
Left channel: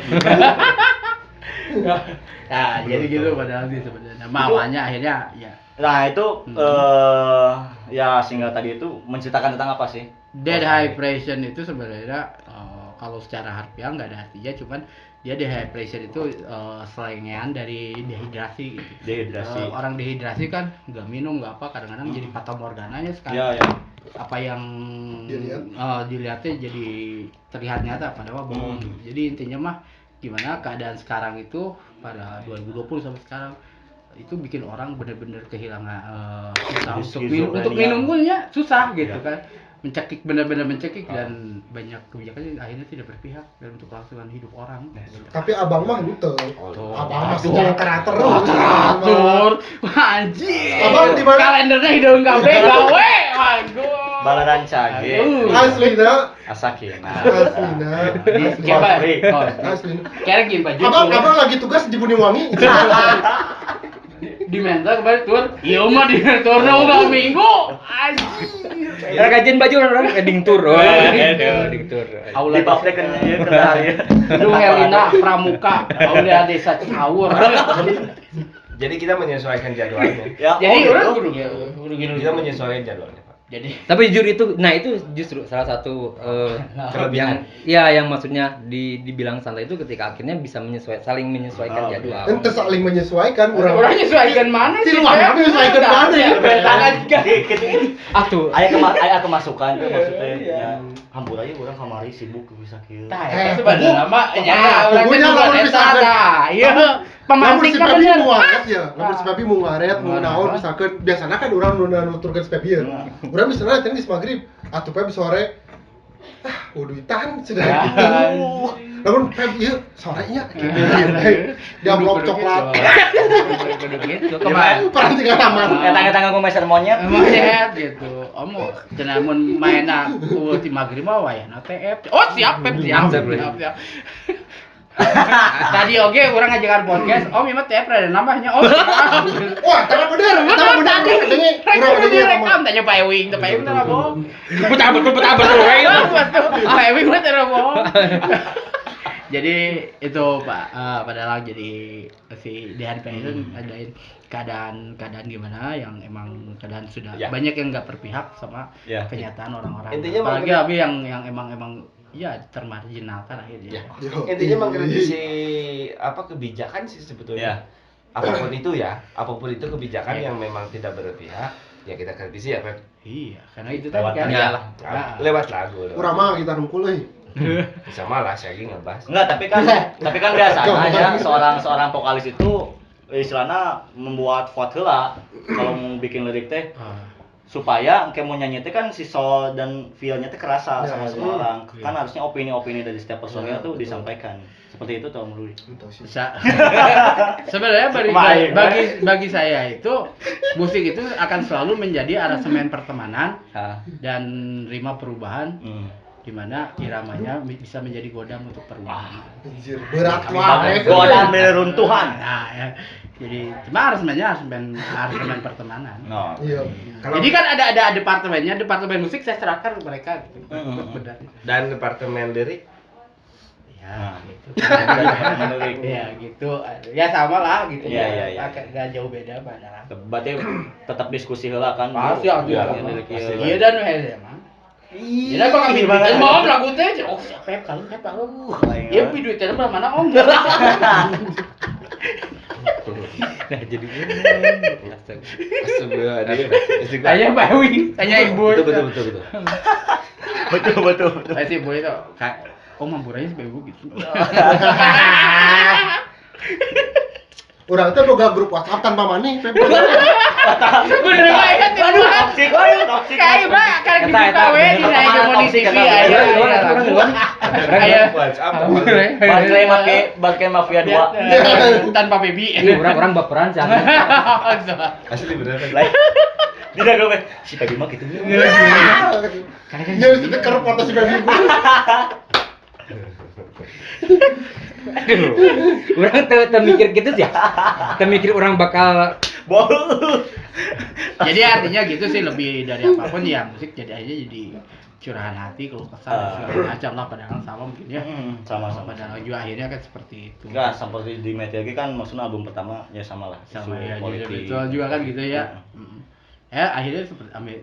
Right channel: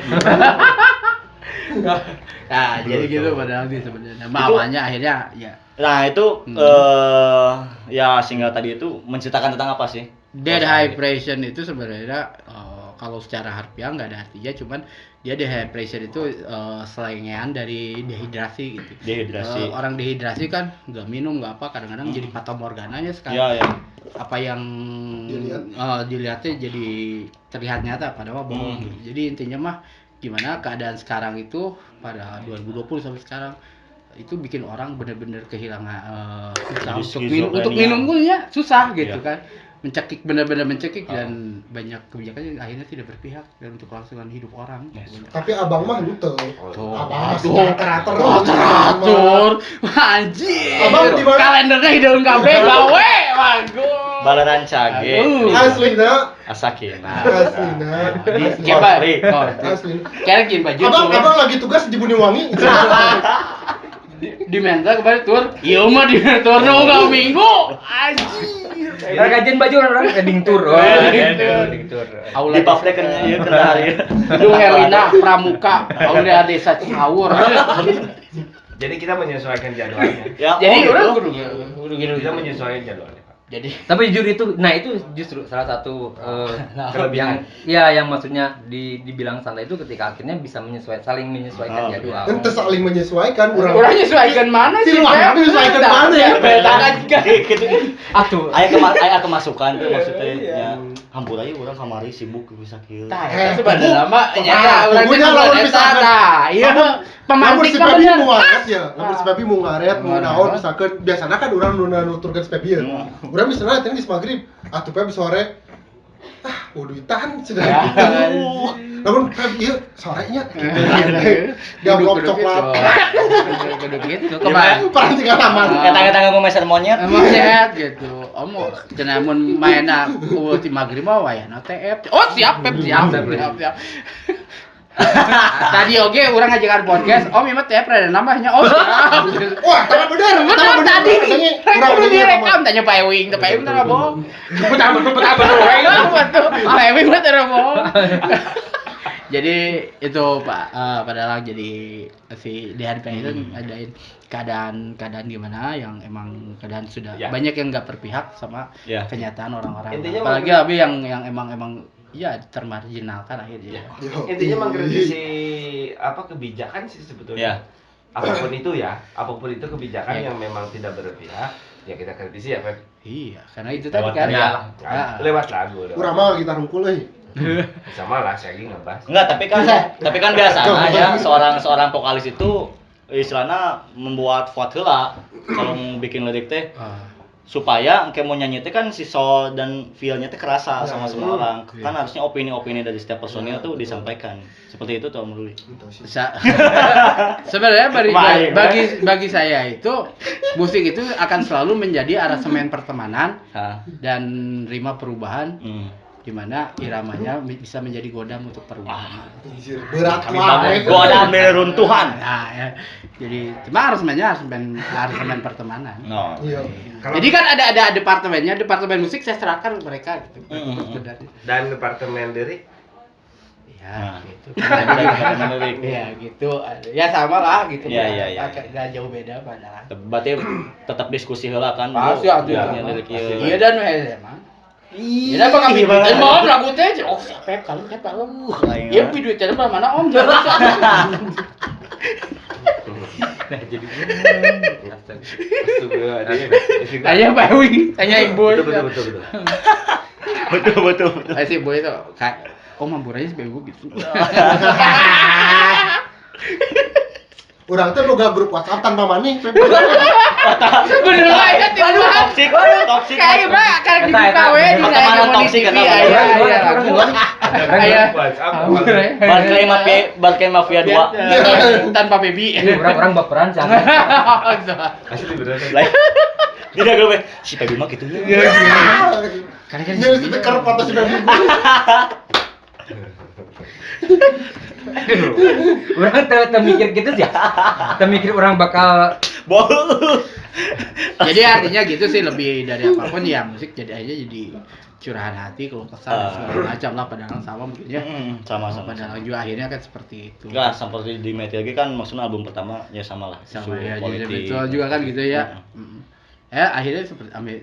Nah, jadi gitu padahal sih sebenarnya. Awalnya akhirnya ya Nah itu ya single tadi itu menceritakan tentang apa sih? Dead High Pressure itu sebenarnya kalau secara harfiah nggak ada artinya, cuman dia dehydration itu selengean dari dehidrasi gitu. Dehidrasi. Orang dehidrasi kan nggak minum nggak apa, kadang-kadang jadi fata morgananya sekarang. Iya, iya. Apa yang dilihatnya jadi terlihat nyata padahal bohong. Gitu. Jadi intinya mah gimana keadaan sekarang itu pada 2020 sampai sekarang itu bikin orang benar-benar kehilangan susah untuk minum pun ya susah gitu kan, mencekik benar-benar mencekik dan banyak kebijakan akhirnya tidak berpihak dalam untuk kelangsungan hidup orang. Tapi abang mah lute. Abang mah teratur. Teratur, anjir. Abang di mana? Kalendernya hidung kabeh gawe, waduh. Balaran cage. Aslina. Asakina. Aslina. Coba, Aslina. kira gini baju. Abang lagi tugas di Buniwangi. Di mental kemarin tur, iya mah di mental udah minggu, anjir. Karena gajian baju orang keding tur. Keding tur. Di pabrik kan ya kenal. Gedung Herlina Pramuka, Aula Desa Cihawur. Jadi kita menyesuaikan jadwalnya. Ya, Jadi oh, orang gitu. kudu gitu. Kita menyesuaikan jadwalnya, Pak. Jadi Tapi jujur itu, nah itu justru salah satu kelebihan. Iya, yang maksudnya dibilang santai itu ketika akhirnya bisa saling menyesuaikan jadwal. Ente saling menyesuaikan orang menyesuaikan mana sih? Orang menyesuaikan mana ya? Atuh. Aya kemasukan tuh maksudnya ya. Hampur aja orang kamari sibuk bisa kieu. Sebenarnya mah ya pokoknya lawan bisa iya. Lamun si Pemantik Pepi kan mau ngaret ya, lamun si Pepi mau ngaret, mau naon misalkan biasanya kan orang nu nuturkeun si Pepi ya. Urang misalnya tadi geus magrib, atuh Pepi sore uduitan cenah gitu. Lamun Pepi ieu sorenya dia blok coklat. Kudu gitu. Kemarin Perantingan aman. Eta ngomong meser monyet. emangnya gitu. Omo cenah mun mainna ti magrib mah wayahna TF. Oh, siap Pep, siap. Tadi oke orang ngajakan podcast, Om imah TF ada nambahnya. Oh, siap. Wah, tara bener. Tadi Urang udah ada direkam tanya Pak Ewing, Pak Ewing enggak bohong. Betapa. Pak Ewing mah tidak bohong. Jadi itu Pak, padahal jadi si DHP itu ngadain keadaan gimana yang emang keadaan sudah banyak yang nggak berpihak sama kenyataan orang-orang. Intinya apalagi tapi yang emang ya termarginalkan akhirnya. Intinya mengkritisi kebijakan sih sebetulnya. Apapun itu kebijakan yang memang tidak berpihak, ya kita kritisi ya, Feb. Iya, karena itu tadi kan lewat lagu. Kurang mah kita rungkul Sama lah, saya lagi ngebahas. Enggak, tapi kan biasanya ya seorang vokalis itu istilahnya membuat vote heula kalau mau bikin lirik teh. Supaya kayak mau nyanyi teh kan si soul dan feel-nya teh kerasa sama semua orang. Kan harusnya opini-opini dari setiap personil tuh disampaikan. Seperti itu tuh menurut. Sebenarnya bagi saya itu musik itu akan selalu menjadi arasemen pertemanan dan rima perubahan. Di mana iramanya bisa menjadi godam untuk perubahan. Berat banget. Godam runtuhan. Nah, ya. Jadi cuma arasemen pertemanan. Iya. Jadi kan ada departemennya, departemen musik saya serahkan mereka gitu. Benar. Dan departemen lirik? Ya, gitu. Ya gitu. Ya sama lah gitu. Iya. Enggak jauh beda padahal. Berarti tetap diskusi heula kan. Pasti iya dan emang. Iya, apa kami duitnya mau lagu teh, siapa kalau iya duitnya mana om Jadi ayo Pak Wing tanya ibu itu betul si ibu itu kayak mampurannya sebagai ibu gitu. Orang tuh boga grup WhatsApp tanpa money. Bener banget toksik. Kayak KW di saya toksik kata. Balkan mafia 2 tanpa baby. Orang baperan sih. Asli beneran. Tidak gue si baby mah gitu ya. Karena kan dia stiker foto si baby. Orang termikir gitu sih. Termikir orang bakal Jadi artinya gitu sih, lebih dari apapun ya musik jadi aja jadi curahan hati, kalau kesal segala macam lah, padahal sama mungkin ya. Sama. Padahal juga akhirnya kan seperti itu. Enggak, seperti di Meteor kan maksudnya album pertama ya sama lah. Sama ya, jadi betul juga kan gitu ya. Akhirnya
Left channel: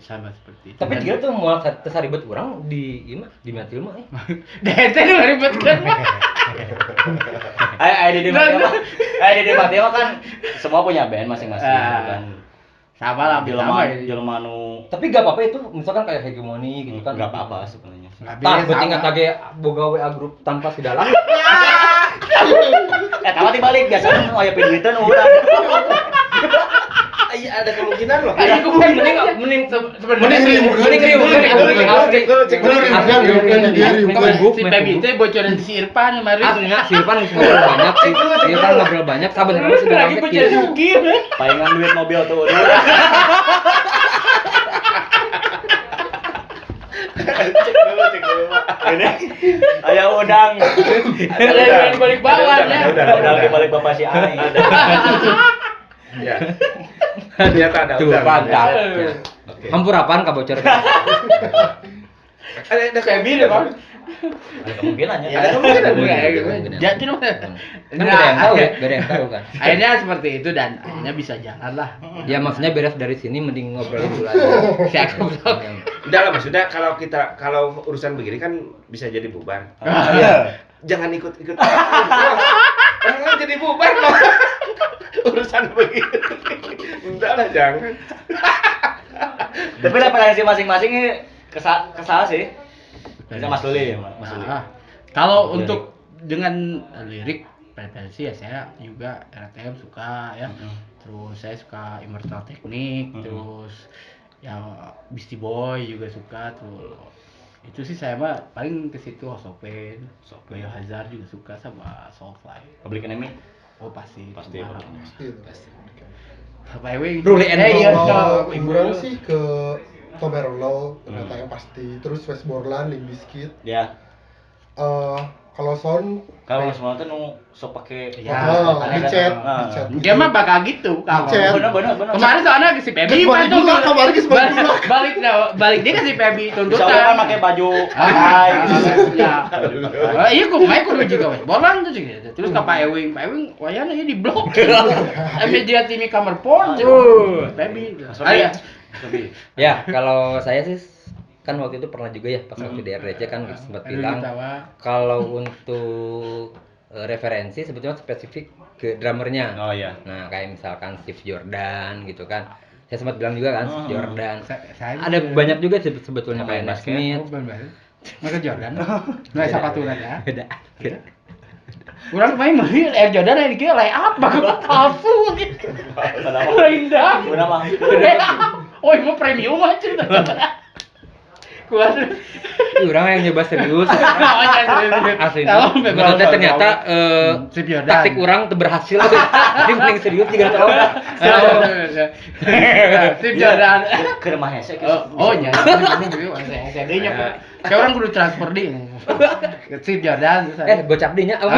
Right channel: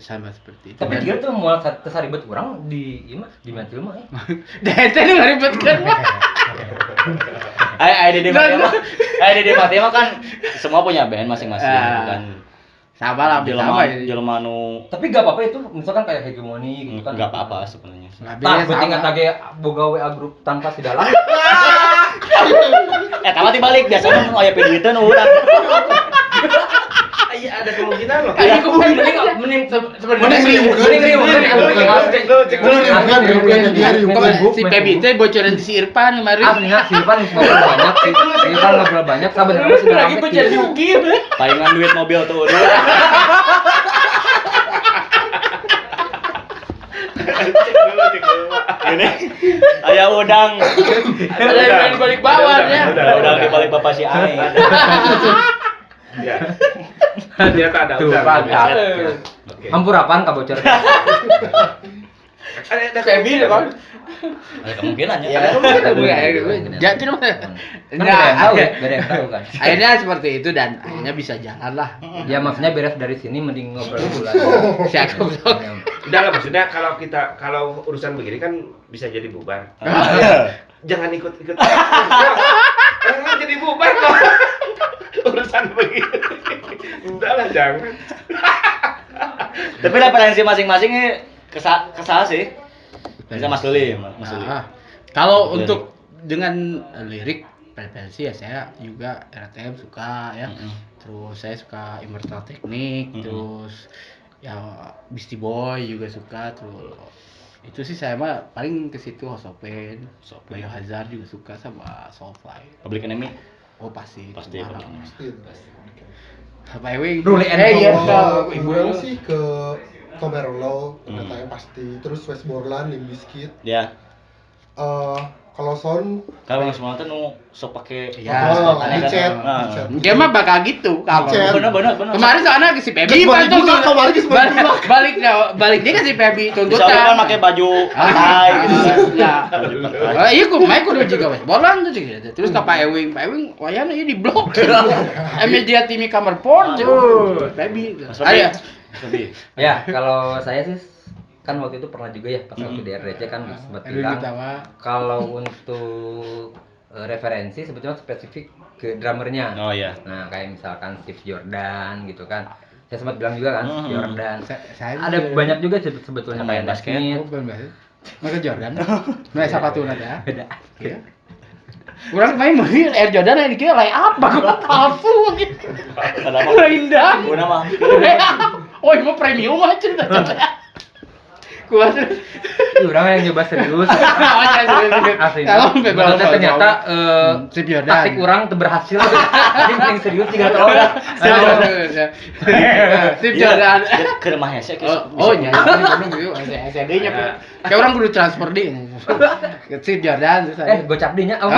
sama seperti itu. Tapi dia tuh mau kesaribet orang di Meteor mah. DT itu ribet kan. Di Meteor kan semua punya band masing-masing kan. Sama lah, Jelema nu. Tapi gak apa-apa itu, misalkan kayak hegemoni gitu kan. Gak apa-apa sebenarnya. Tak penting ngetage boga WA grup tanpa si dalam. Kalau dibalik biasanya aya duitan urang. Iya, ada kemungkinan loh. Kayak mending si Pebi teh bocoran si Irfan kemarin. Si Irfan ngobrol banyak, sebenarnya sudah lagi bocoran Yuki. Tayangan duit mobil tuh. Cek dulu. Ini aya udang. Ada yang balik bawah ya. Udang di balik bapak si Ai. Ya. Ternyata ada udang. Hampur apaan kabocor? Ada Pebi deh, Bang. Ada kemungkinan ya. Jadi lu Gak ada yang tahu kan. Akhirnya seperti itu dan akhirnya bisa jalan lah. Ya maksudnya beres dari sini mending ngobrol dulu lah. Udah lah, maksudnya kalau urusan begini kan bisa jadi bubar. Jangan ikut-ikut. Kan jadi bubar kok. Urusan begini. Udah lah, jangan. Tapi lah preferensi masing-masing ini kesal sih. Bisa Mas Luli. Kalau untuk dengan lirik preferensi ya saya juga RTM suka ya. Terus saya suka Immortal Technique, terus ya Beastie Boy juga suka tuh. Itu sih saya mah paling ke situ Hosopen, Biohazard juga suka sama Soulfly. Public Enemy? Oh pasti. Apa Ewing? Rule and Ibu sih ke Tomerolo, katanya pasti. Terus West Borland, Limp Bizkit. Ya. Kalau sound semua tuh nu sok pake dicet. Dia mah bakal gitu kalau. Bener. Kemarin soalnya si Pebi Kemarin balik dia ke si Pebi tuntutan. Bisa kan pakai baju gitu. Iya gua main kudu juga wes. Bolan tuh gitu. Terus ke Pak Ewing wayana ieu diblok. Media tim kamar pon. Pebi. Ya, kalau saya sih kan waktu itu pernah juga ya pas waktu di RDC kan sempat bilang kalau untuk referensi sebetulnya spesifik ke drummernya. Oh iya. Nah kayak misalkan Steve Jordan gitu kan. Saya sempat bilang juga kan Steve Jordan. Ada banyak juga sebetulnya kayak Matt Smith. Michael Jordan. Nah siapa tuh nanti ya? Beda. Orang main mobil Air Jordan ini kayak lay apa? Palsu gitu. Indah. Oh itu premium aja cerita. Orang yang nyoba serius. Asli. Maksudnya ternyata taktik orang berhasil. Jadi mending serius 3 tahun. Steve Jordan. Ke rumahnya sih. Oh iya. SD-nya. Kayak orang kudu transfer di. Steve Jordan. Gocap dinya. Kalau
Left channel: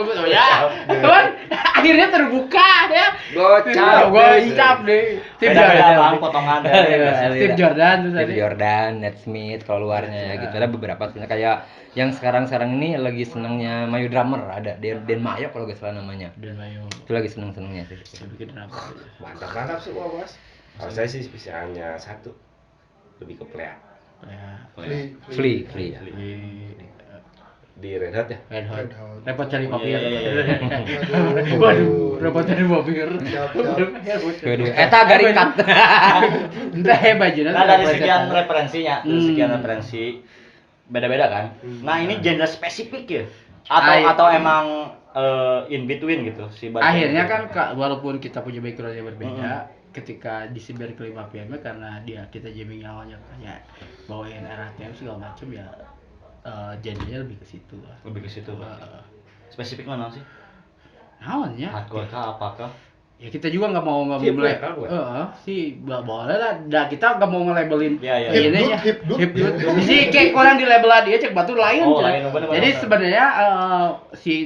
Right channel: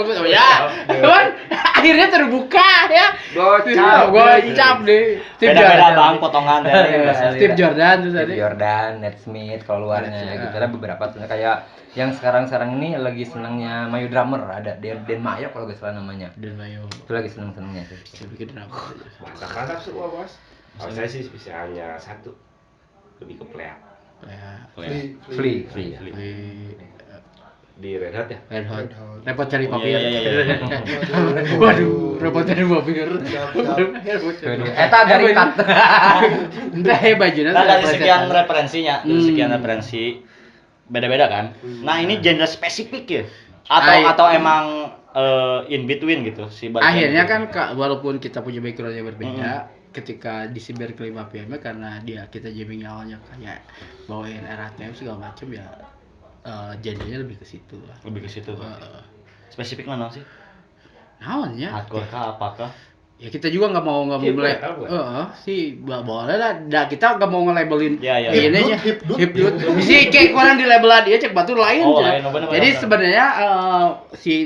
betul ya. Cuman akhirnya terbuka ya. Gocap deh. Beda-beda bang potongan dari Steve Jordan tuh tadi. Steve Jordan, Ned Smith kalau luarnya gitu. Ada beberapa sebenarnya kayak yang sekarang ini lagi senangnya Mayo Drummer ada Den Mayo kalau gak salah namanya. Den Mayo. Itu lagi senangnya sih. Bikin drummer. Mantap semua bos. Kalau saya sih bisa hanya satu, lebih ke play. Free. Di Red Hot ya? Red Hot. Repot cari kopi. Iya. Waduh, repot cari kopi. Eta garing cut. Entah bajunya. Nah dari sekian referensi beda-beda kan. Nah ini genre spesifik ya atau emang in between gitu sih. Akhirnya kan walaupun kita punya background yang berbeda, ketika di si Berkeley Mafia karena kita jamming awalnya kayak bawain RATM segala macam ya. Jadinya lebih ke situ lah. Lebih ke situ. Spesifik mana sih? Naonnya? Hardcore kah apakah? Ya kita juga nggak mau mulai. Sih boleh lah. Kita nggak mau nge-labelin ini ya. Hip dude. Bisa kayak orang di label dia cek batu lain. Jadi sebenarnya si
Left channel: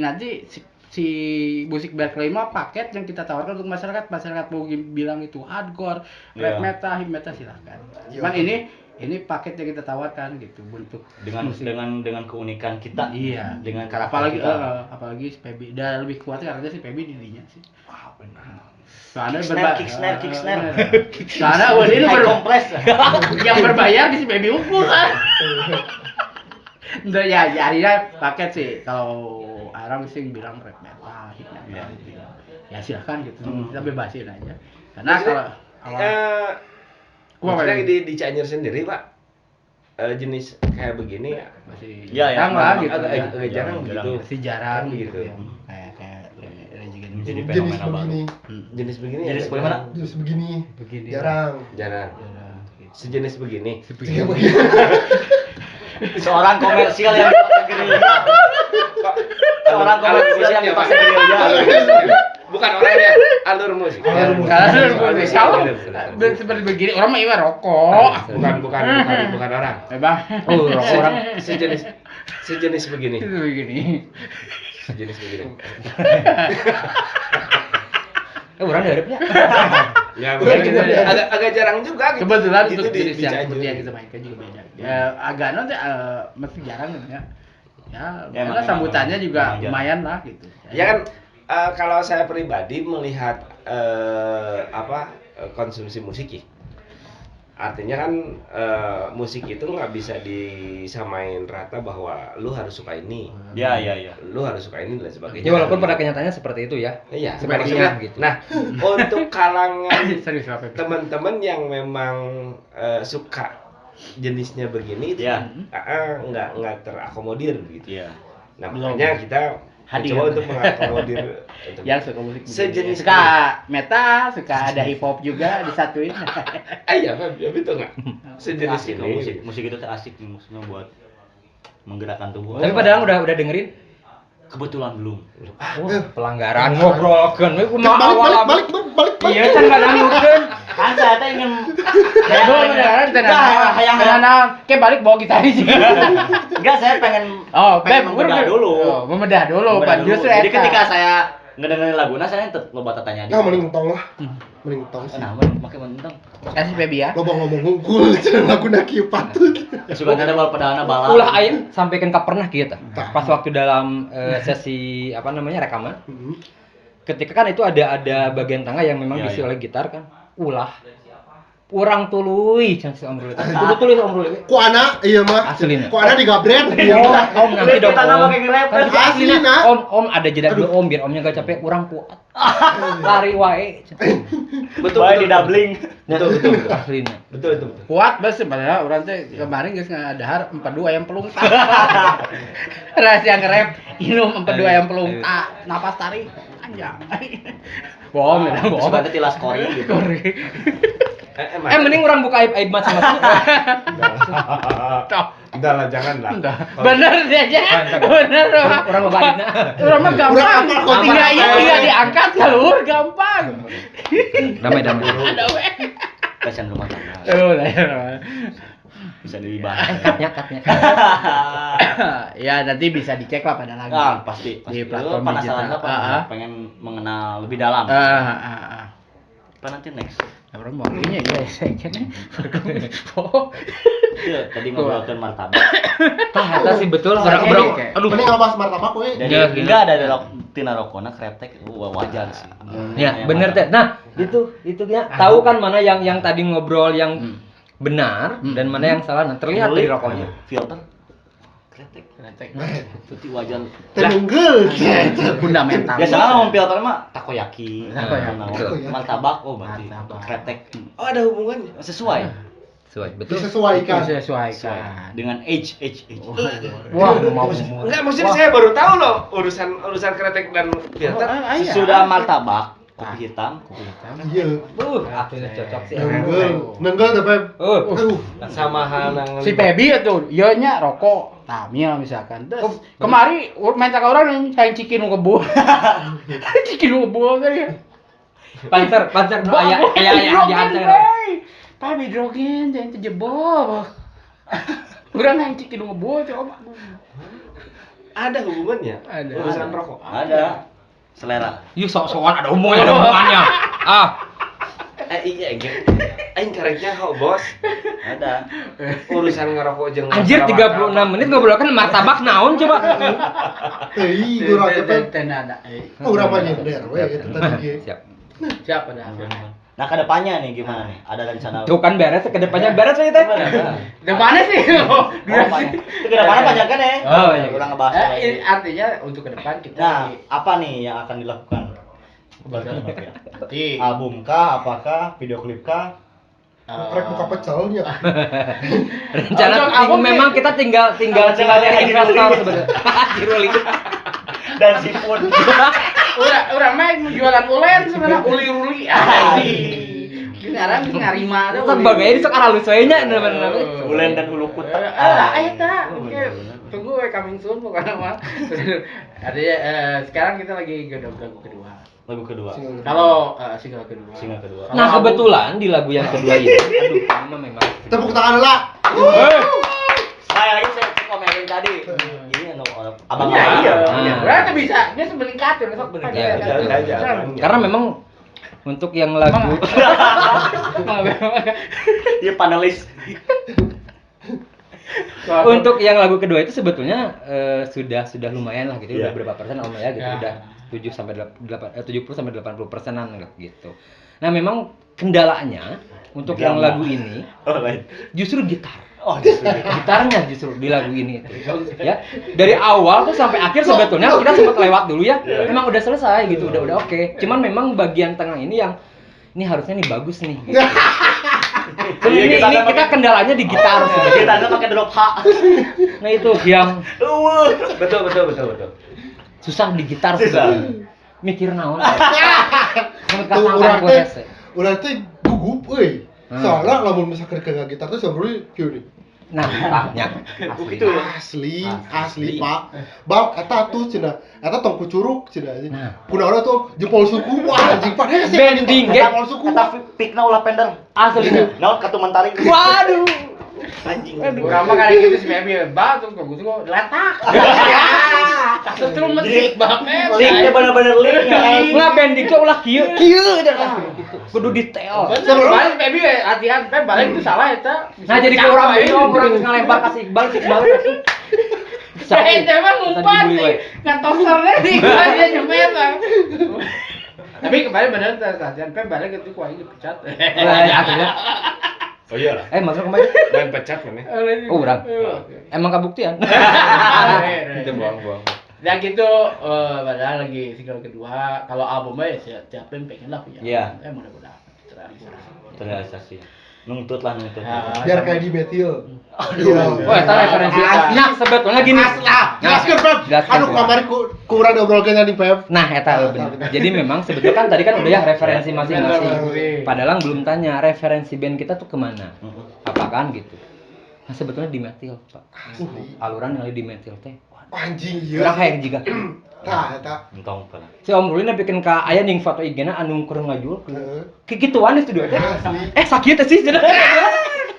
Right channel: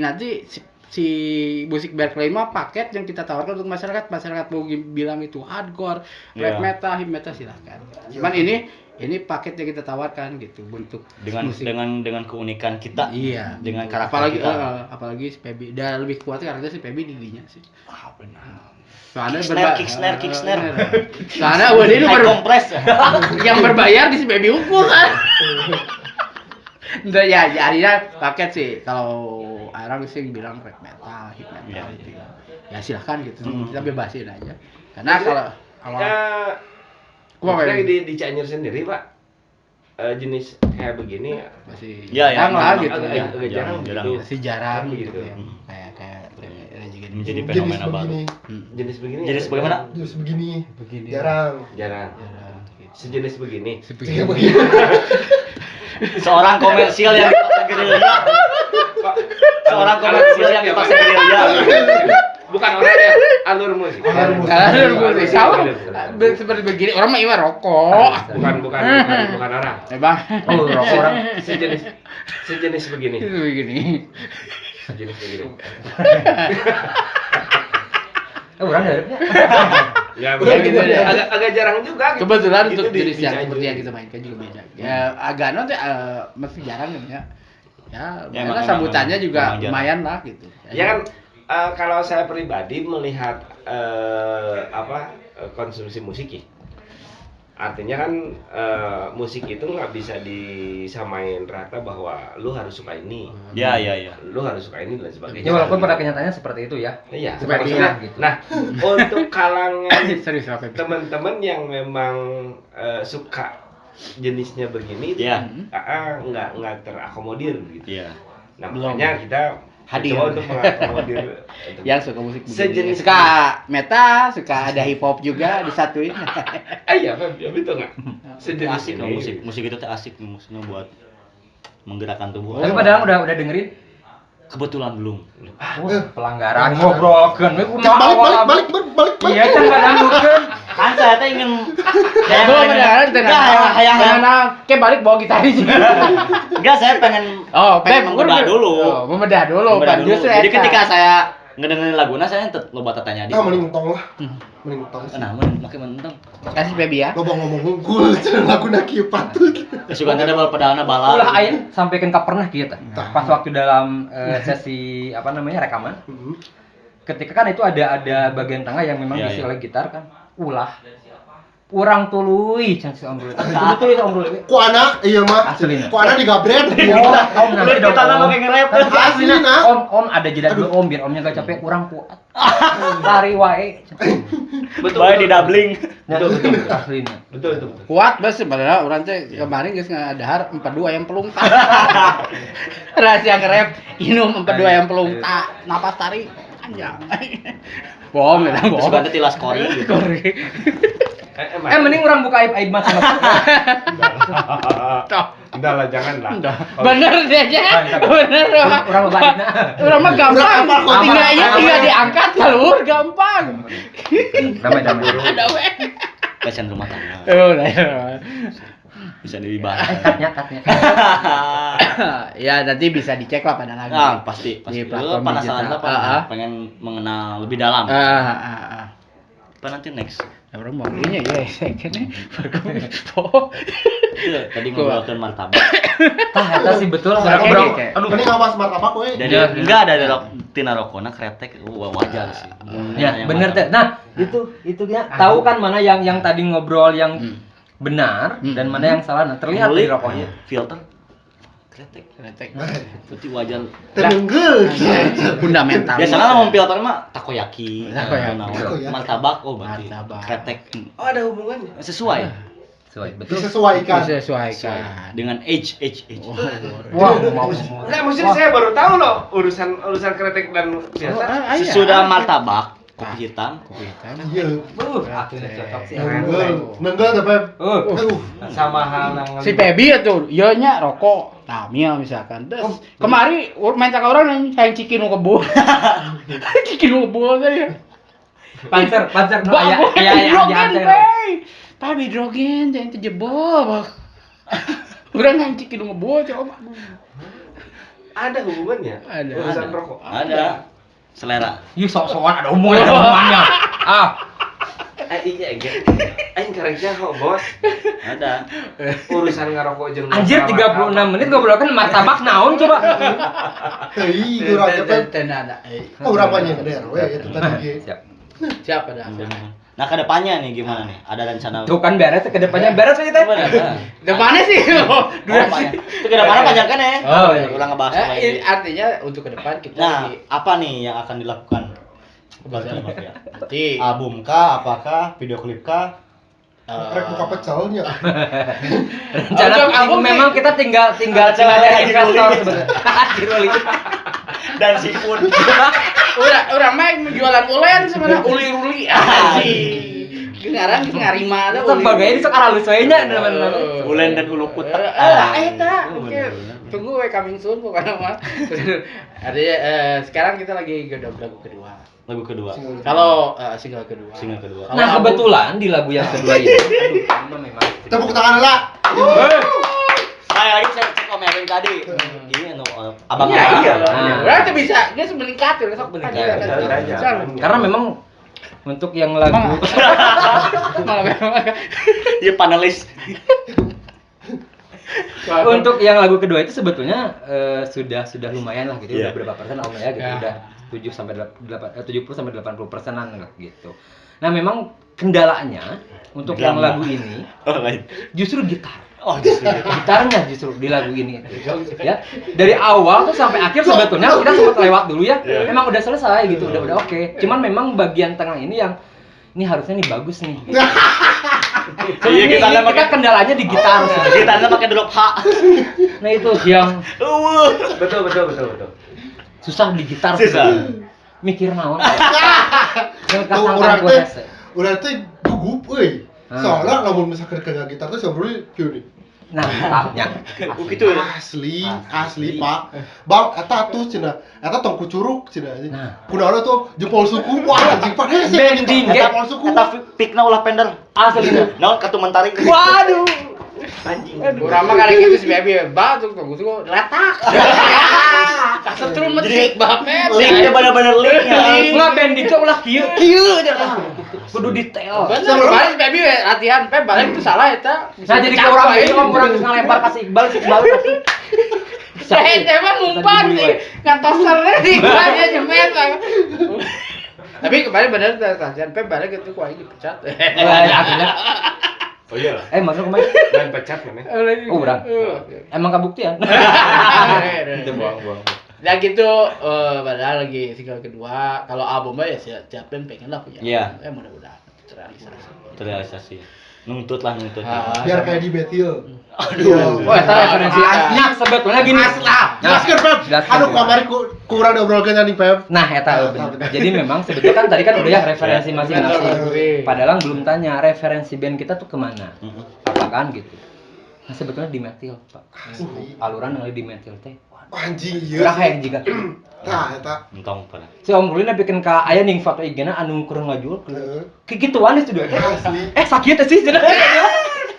musik Berkeley mah paket yang kita tawarkan untuk masyarakat mau bilang itu hardcore, rap metal, hip metal silakan. Cuman ini paket yang kita tawarkan gitu bentuk dengan keunikan kita. Iya. Dengan karakter apalagi si Pebi dan lebih kuat karena si Pebi di dinya sih. Benar. Soalnya kick snare. Soalnya ini kompres. Yang berbayar di si Pebi unggul kan. Enggak ya akhirnya paket sih kalau orang sih bilang rap metal, hip metal gitu ya. Ya silakan gitu. Kita bebasin aja. Karena kalau maksudnya di Cianjur sendiri Pak, jenis kayak begini masih jarang lah gitu. Agak jarang gitu. Masih jarang gitu. Kayak menjadi fenomena baru. Jenis begini. Jenis begini. Jarang. Sejenis begini. Seorang komersil yang dipaksa gerilya. Seorang komersil yang dipaksa gerilya. Bukan orangnya, alur musik. Salah. Seperti begini, orang mah iwar rokok. Bukan orang. Bang. Oh, rokok orang sejenis begini. Sejenis begini. Orang daripnya. Ya, agak jarang juga. Kebetulan untuk jenis yang seperti yang kita mainkan juga beda. Ya agak nanti masih jarang ya. Ya, sambutannya juga lumayan lah gitu. Ya kan kalau saya pribadi melihat konsumsi musik ya, artinya kan musik itu nggak bisa disamain rata bahwa lu harus suka ini, lu harus suka ini dan sebagainya. Ya walaupun pada kenyataannya seperti itu ya. Iya, sepertinya gitu. Nah, untuk kalangan teman-teman yang memang suka jenisnya begini, nggak terakomodir gitu. Nah makanya kita coba untuk mengakomodir yang suka musik sejenis suka metal, suka ada hip hop juga disatuin. Iya, betul nggak? Sejenis ini musik itu tuh asik maksudnya buat menggerakkan tubuh. Tapi padahal udah dengerin? Kebetulan belum. Pelanggaran ngobrolkeun we kumaha balik. Iya kan nggak nanggukeun. Kan saya teh ingin Belum mendengarkan kayak balik bawa gitar sih. Enggak, saya pengen membedah dulu. Membedah dulu, Pak. Justru jadi ketika saya ngedengerin laguna saya loba tanya dia. Mending tong lah. Mending tong. Nah, makin mentong. Kasih baby ya. Lo ngomong hungkul cenah laguna kieu patut. Suka ada padahana bala. Ulah aing sampaikan ka pernah kieu tah. Pas waktu dalam sesi rekaman. Ketika kan itu ada bagian tengah yang memang diisi oleh gitar kan. Ulah urang tuluy can si Amrul. Kudu tuluy Amrul. Ku anak ieu mah. Aslina. Ku anak digabret. Om nanti dong. Kita pakai nge-rap. Aslina. Om ada jeda dulu Om biar Omnya gak capek urang kuat. Lari wae. Betul. Bae di doubling. Betul aslina. Betul. Kuat bos sebenarnya orang tuh kemarin geus ngadahar 42 ayam pelung tak. Rahasia nge-rap minum 42 ayam pelung tak napas tarik panjang. Bohong ya, bohong. Suka tilas kori gitu. Mending orang buka aib-aib mas sama. Enggak lah, jangan lah. Bener aja. Bener Orang baikna. Orang mah gampang. Iya diangkat keluar gampang. Damai. Pasien rumah tangga. Bisa dibahas. Katnya. Ya nanti bisa dicek lah pada lagi. Nah, pasti. Di platform penasaran digital. apa? Pengen mengenal lebih dalam. Apa nanti next? Orang mau ini ya second. Iya, tadi ngobrolin martabak. Eta sih betul. Aduh, ini enggak bahas martabak we. Jadi enggak ada tina rokona kretek wajar sih. Ya, bener teh. Nah, itu ya tahu kan mana yang tadi ngobrol yang benar dan mana yang salah. Nah, terlihat dari rokoknya. Filter kretek. Berarti wajar. Tenenggel. Fundamental. Biasanya ngomong filter mah takoyaki. Martabak berarti kretek. Oh, ada hubungannya. Sesuai. Betul. Disesuaikan Dengan age. Wah, mau. Enggak, maksudnya saya baru tahu loh urusan kretek dan biasa. Sesudah martabak kopi hitam. Iya. Akhirnya cocok sih. Nenggel tapi Sama hal yang Si Pebi itu, iya nya rokok. Nah, misalkan. Terus kemari main cakap orang yang sayang cikin nu kebo. Cikin nu kebo tadi. Panser aya. Tapi hidrogen jangan terjebol. Urang yang cikin nu kebo coba. ada hubungannya. Urusan rokok. Ada. Selera. Sok-sokan ada hubungannya. Iya, aing karek jaho, Bos. Ada. Urusan ngerokok jeung Anjir 36 menit ngobrolkan martabak naon coba. Hei, urang teh Ten ada. urang mah nyender we itu tadi. Siapa dah? Nah, ke depannya nih gimana nih? Ada rencana? Tuh kan beres, ke depannya beres kita. Depannya sih. Durasi. Itu ke depannya banyak kan ya? Oh, iya. Ulang ngebahas lagi. Artinya untuk ke depan kita Nah, apa nih yang akan dilakukan? nanti Album kah? Apakah? Video klip kah? Rek buka pecelnya. Rencana memang kita tinggal dari investor sebenarnya. Dan sipun. Orang main jualan ulen sebenarnya uli-uli. Sekarang kita ngarima ada Itu sebagai ini sekarang halus we nya Ulen dan ulu kutak. Eta. Tunggu we coming soon pokoknya mah. Artinya sekarang kita lagi godok kedua. Lagu kedua. Kalau single kedua. Single kedua. Nah, kebetulan di lagu yang kedua ini, aduh, sama memang. Tepuk tangan lah. Saya lagi cek Om Erwin tadi. Ini abang. Iya. Berarti bisa dia meningkat ya besok Karena memang untuk yang lagu Dia panelis. untuk yang lagu kedua itu sebetulnya sudah lumayan lah gitu, udah berapa persen Om ya gitu, udah 70 sampai 80%-an lah gitu. Nah, memang kendalanya untuk yang lagu ini justru gitar. Gitarnya justru di lagu ini ya. Dari awal tuh sampai akhir sebetulnya kita sempat lewat dulu ya. Memang udah selesai gitu, udah oke. Cuman memang bagian tengah ini yang ini harusnya nih bagus nih. Gitu. Ini kita kendalanya di gitar sebenarnya. Gitarnya pakai drop H. Nah, itu yang Betul. susah di gitar sebenarnya. Mikir naon. Urang teh gugup euy. Soalnya lamun misalkan ke gitar teh sebenarnya kieu nih. Nah, taknya. Gitu ya. Asli Pak. Bang, eta tuh cenah, eta tong kucurug cenah. Nah. Kunaon tuh jempol suku. Wah, anjing Pak. Hese Bending, jempol suku. Eta pikna ulah pender. Asli. Naon katuman tarik. Waduh. Anjing. Urang mah kada kitu si Bebi batuk tuh letak. Setrum metik banget. Linknya bener-bener link ya. Nggak bending tuh ulah kieu kudu detail. Bener, Bebi latihan Pep balik itu salah eta. Nah jadi kayak orang ini orang terus ngelempar ke si Iqbal tapi Saya emang ngumpat sih, ngantosernya sih, dia jemet. Tapi kemarin bener latihan Pep balik itu kuah ini pecat. akhirnya Oh iya lah. maksudnya kemarin Dan pecat mana? oh urang emang kabuktian itu buang Dan gitu, padahal lagi single kedua, kalau albumnya ya siap band pengen lah punya. Iya. Mudah-mudahan Terrealisasi. Nuntut lah. Biar kayak di Betil. oh eta referensi asli sebetulnya gini Jelaskan Pep. Aduh kamari kurang diobrolkeun nih Pep. nah eta jadi memang sebetulnya kan tadi kan udah ya referensi masing-masing padahal belum tanya referensi band kita tuh kemana apa kan gitu nah sebetulnya di metal Pak aluran yang di metal teh Anjing kurang ieu. hair juga Tah eta. Entong pernah. si Om Rulina bikin ka aya ning foto IG-na anu keur ngajual Heeh. kayak gituan di studio teh Asli. sakit teh sih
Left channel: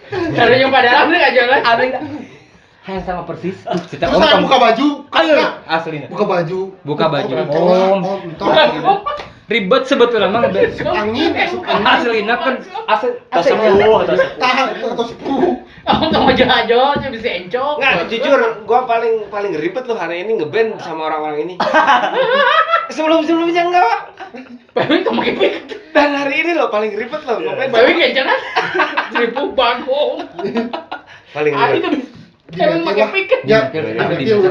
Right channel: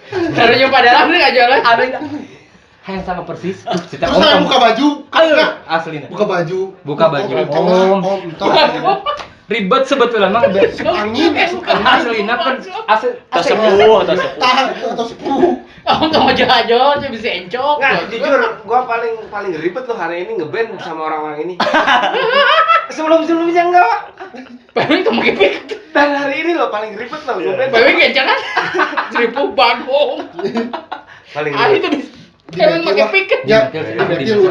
Karena yang padahal ini nggak jualan. ada yang sama persis Terus saya buka baju, kagak. asli Buka baju. Buka baju. Om. ribet sebetulnya mah Angin. aslinya kan asli Tasepuh. Tahan atau sepuh. Kamu nggak mau jalan-jalan, saya bisa encok. Nah, jujur, gua paling ribet loh hari ini ngeband sama orang-orang ini. Sebelumnya enggak. Bayi kamu kepik. Dan hari ini loh paling ribet loh ngeband. Bayi kencang kan? 1000 bagong. Paling Ah ribet. itu bisa. Emang pakai piket. Ya, di Betil.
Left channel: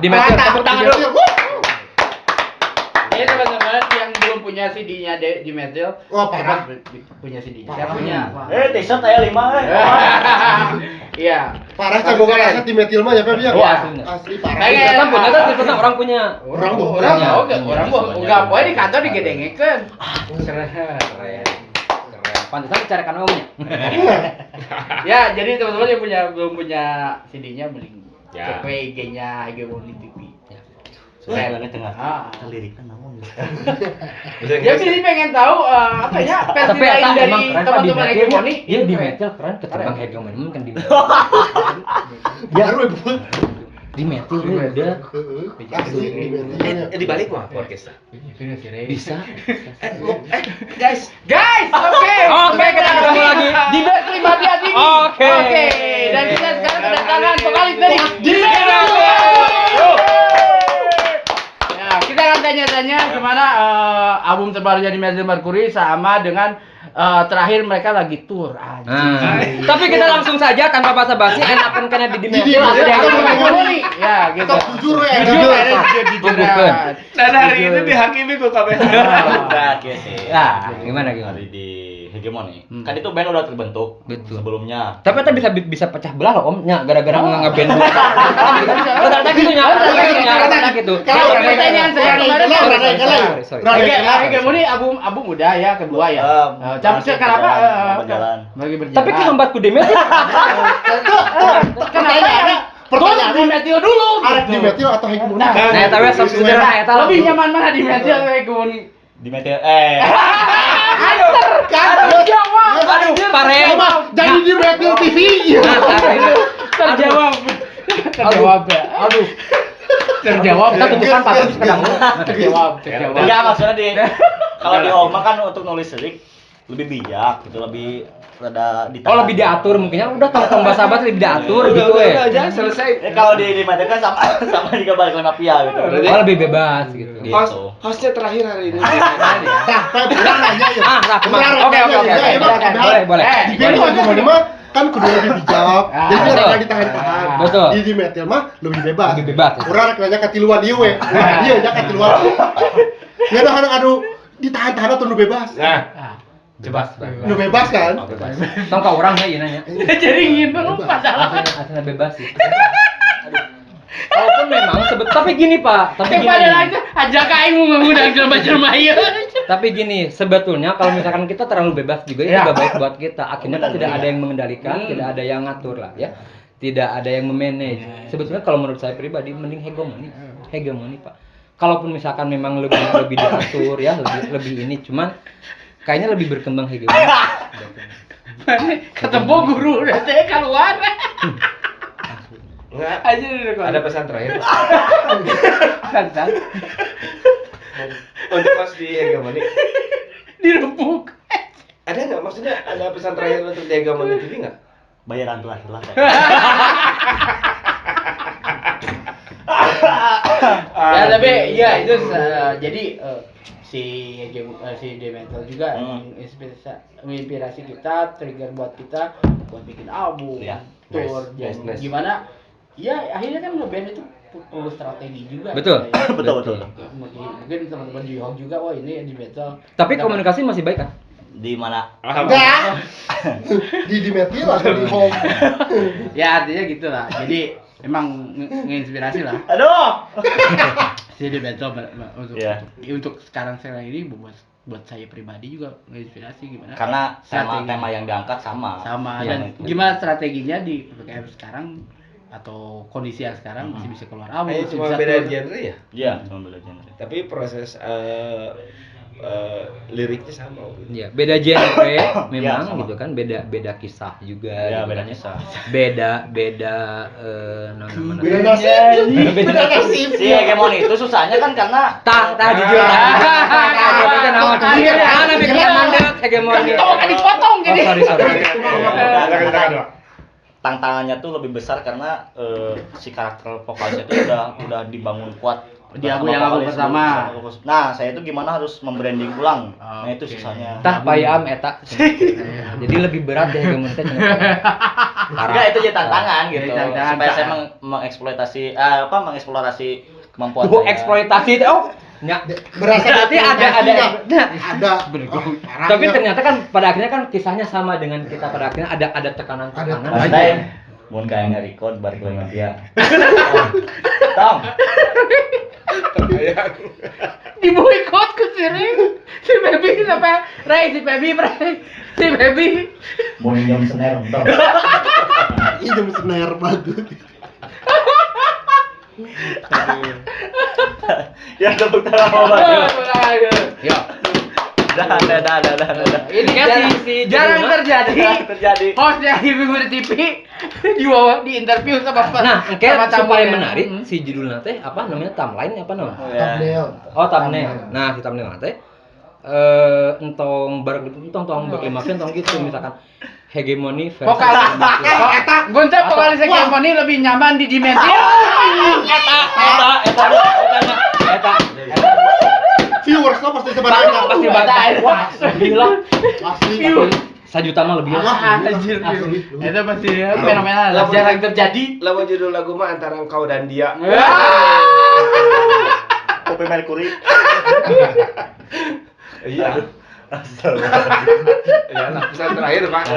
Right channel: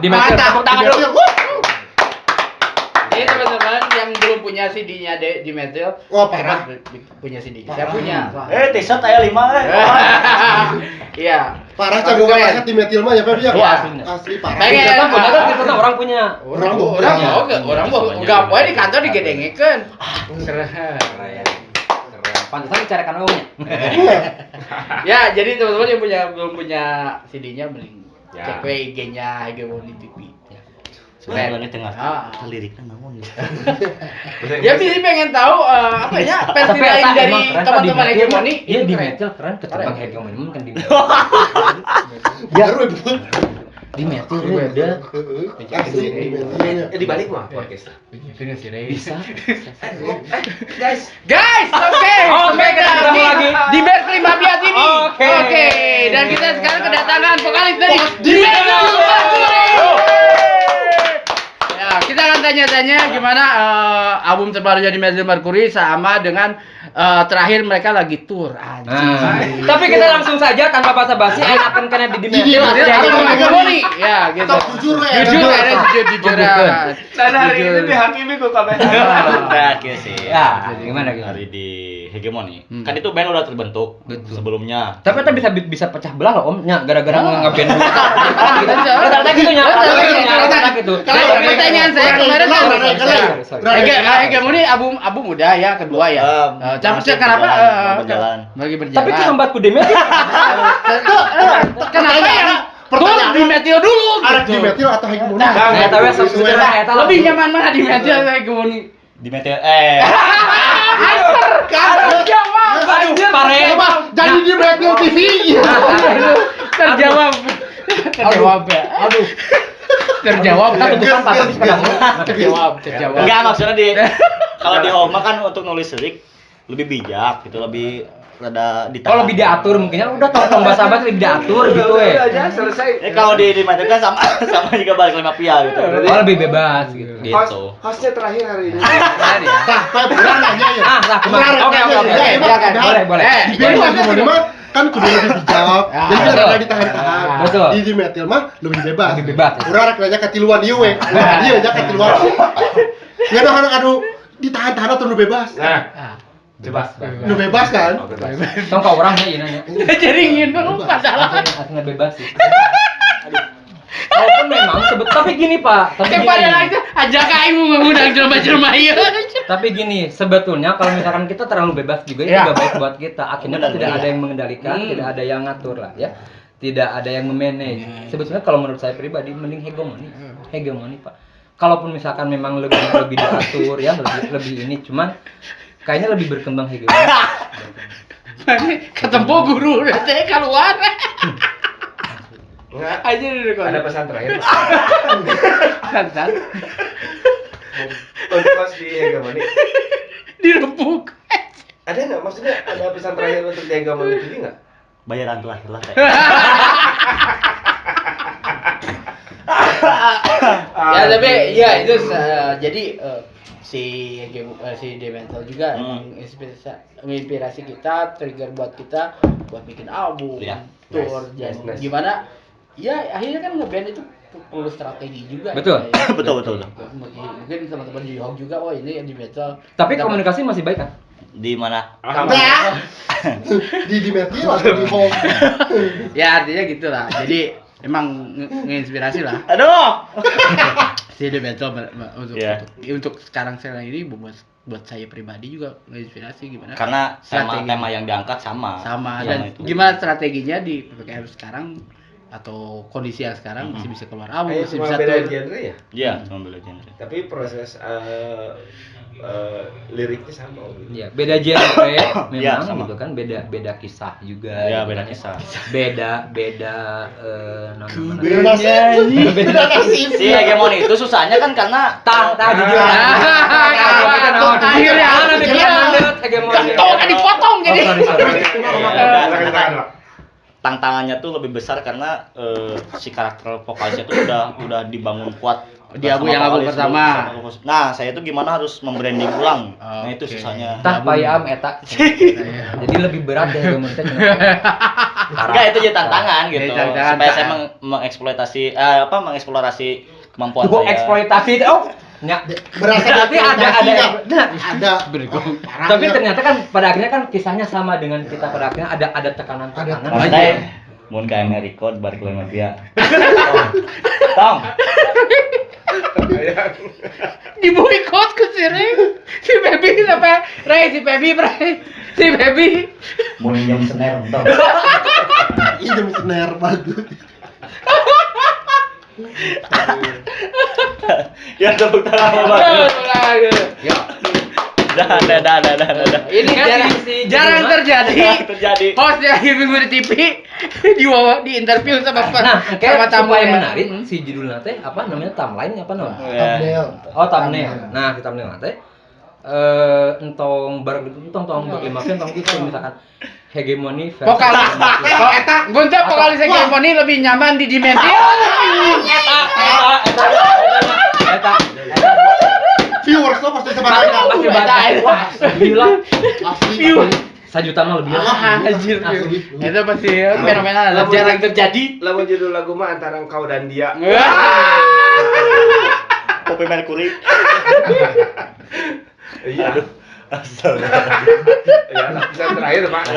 Di Betil, tepuk tangan dulu. Ini teman-teman yang belum punya CD-nya di Metal. Wah, parah. Punya CD. Saya punya. T-shirt aya 5 Iya. Parah cago banget di Metil mah ya Pep ya. Oh, aslinya. Asli parah. Pengen. Kita punya kan kita orang punya. Orang mau Orang mau enggak apa di kantor digedengekeun. Pantesan dicarikan omnya. Ya, jadi teman-teman yang belum punya CD-nya mending Ya. cek we IG-nya Hegemony TV. Saya banget tengah. Ah. Liriknya naon ya. Dia sih pengen tahu apa ya versi Tapi lain eta dari emang keren Pak di teman-teman metal. Hegemony. Iya di metal keren ketimbang Hegemony kan di Baru ibu. di metal udah Asli di Metil. Di balik mah podcast. bisa. Guys, Oke, kita ketemu lagi di Best 5 Dia TV. Oke. Dan kita sekarang kedatangan vokalis dari Ya, kita akan tanya-tanya gimana album terbarunya di Metal Mercury sama dengan terakhir mereka lagi tour. Anjing. Tapi kita langsung saja tanpa basa-basi enakan karena di metal Iya, ada Hegemony. Ya, gitu. Kita jujur we. Jujur. dan hari ini dihakimi kok kabeh. Nah, kieu sih. Ya, gimana? Hari di Hegemony. Kan itu band udah terbentuk sebelumnya. Tapi kita bisa pecah belah loh Om, nya gara-gara ngeband dulu. Rata-rata gitu nya, rata-rata gitu. Kalau pertanyaan saya Udah, Hegemony album udah ya kedua ya. Tapi kenapa berjalan. lagi berjalan? Tapi kehambat ku demet. Pertanyaan di Metal dulu. Arek di Metil atau Hegemony? Nah, tapi sesuai lah eta. Lebih nyaman mana di Metal Hegemony? Di metal Jawab. Anjir, pare. Jadi di Metil TV. Terjawab. Terjawab ya. Aduh. Terjawab. Kita tutupan pakai ketemu. Terjawab. Enggak, maksudnya kalau di Oma kan untuk nulis lirik lebih bijak gitu, lebih rada Oh, lebih diatur mungkinnya udah tong bahasa-bahasa lebih diatur gitu Udah aja selesai. kalau di metal kan sama juga balik lima pia gitu. Oh, lebih bebas gitu. Hostnya terakhir hari ini. Nah, Pep, kurang nanya ya. Lah, kemarin. Oke. Boleh. Di band Hegemony mah kan kudu lebih bijak. Jadi betul. rada ditahan-tahan. Betul. Di Metil mah lebih bebas. Lebih bebas. Urang rek nanya katiluan ieu we. Wah, ieu nya katiluan. Ngeun anu ditahan-tahan atau nu bebas? Nah, coba. Nu bebas kan? Tong ka orangnya ieu nanya. Jadi ingin berubah salah. Aslinya bebas sih. Kalaupun memang tapi gini Pak, tapi gini. Itu ajak aing mengundang jelema-jelema ieu. Tapi gini, sebetulnya kalau misalkan kita terlalu bebas juga itu nggak baik buat kita. Akhirnya kan tidak ada yang mengendalikan, tidak ada yang ngatur lah ya. Tidak ada yang memanage. Sebetulnya kalau menurut saya pribadi mending hegemoni Pak. Kalaupun misalkan memang lebih diatur ya, lebih ini cuman kayaknya lebih berkembang hegemoni. Ketemu guru udah keluar. Enggak. Aja udah Ada pesan terakhir. kan. Untuk pas di hegemoni. Dirempuk. Ada nggak? Maksudnya ada pesan terakhir untuk di hegemoni itu nggak? Bayaran telah. Ya tapi ya itu jadi si Demental juga menginspirasi kita, trigger buat kita buat bikin album, tour, nice. gimana? Ya akhirnya kan ngeband itu perlu strategi juga. Betul. Ya. Betul. Mungkin teman-teman di Hawk juga, oh ini di metal. Tapi komunikasi masih baik kan? Di mana? Di metal atau di home? Ya artinya gitulah. Jadi emang nginspirasi lah. Aduh. Si The Metal untuk sekarang ini buat saya pribadi juga nginspirasi gimana? Karena tema yang diangkat sama. Dan gimana strateginya di PPKM sekarang atau kondisi yang sekarang masih bisa keluar album, masih Cuma bisa beda tour. genre ya? Iya, cuma beda genre. Tapi proses liriknya sama gitu. Iya, beda genre memang sama. gitu kan, beda kisah juga. Iya, gitu beda kan. kisah. Beda Beda nasib. Si hegemoni itu susahnya kan karena jujur. Dipotong gini. tantangannya tuh lebih besar karena si karakter vokalisnya tuh udah dibangun kuat Di album pertama. Nah, saya itu gimana harus membranding ulang. Nah, itu susahnya. Tah payam eta. Jadi lebih berat ya hegemoni teh cenah. Enggak, itu jadi tantangan gitu. Tantangan. Supaya saya mengeksplorasi kemampuan saya. Eksploitasi itu Berasa berarti ada. Tapi ternyata kan pada akhirnya kan kisahnya sama dengan kita, pada akhirnya ada tekanan-tekanan. Ada mun kayak nge-record bar kelima dia. Tong. Di boykot ke si Baby sampai si Baby Mun jam snare tong. Ih, jam snare banget. Ya tepuk tangan banget. Ya. Dah. Ini jarang terjadi. Host yang minggu di TV di interview sama supaya menarik si judulnya teh apa namanya, thumbnail apa namanya? Thumbnail. Oh, thumbnail. Nah, di thumbnail teh entong berlima entong gitu misalkan hegemoni versi vokalis guntur vokalis hegemoni lebih nyaman di dimensi eta Viewers lo pasti sebenarnya. wah gila Asli. 1 juta mah lebih anjir itu pasti fenomenal jarang terjadi. Lagu judul lagu mah antara engkau dan dia. Kopi Mercury. Iya. Aduh. Ya, pesan terakhir Pak.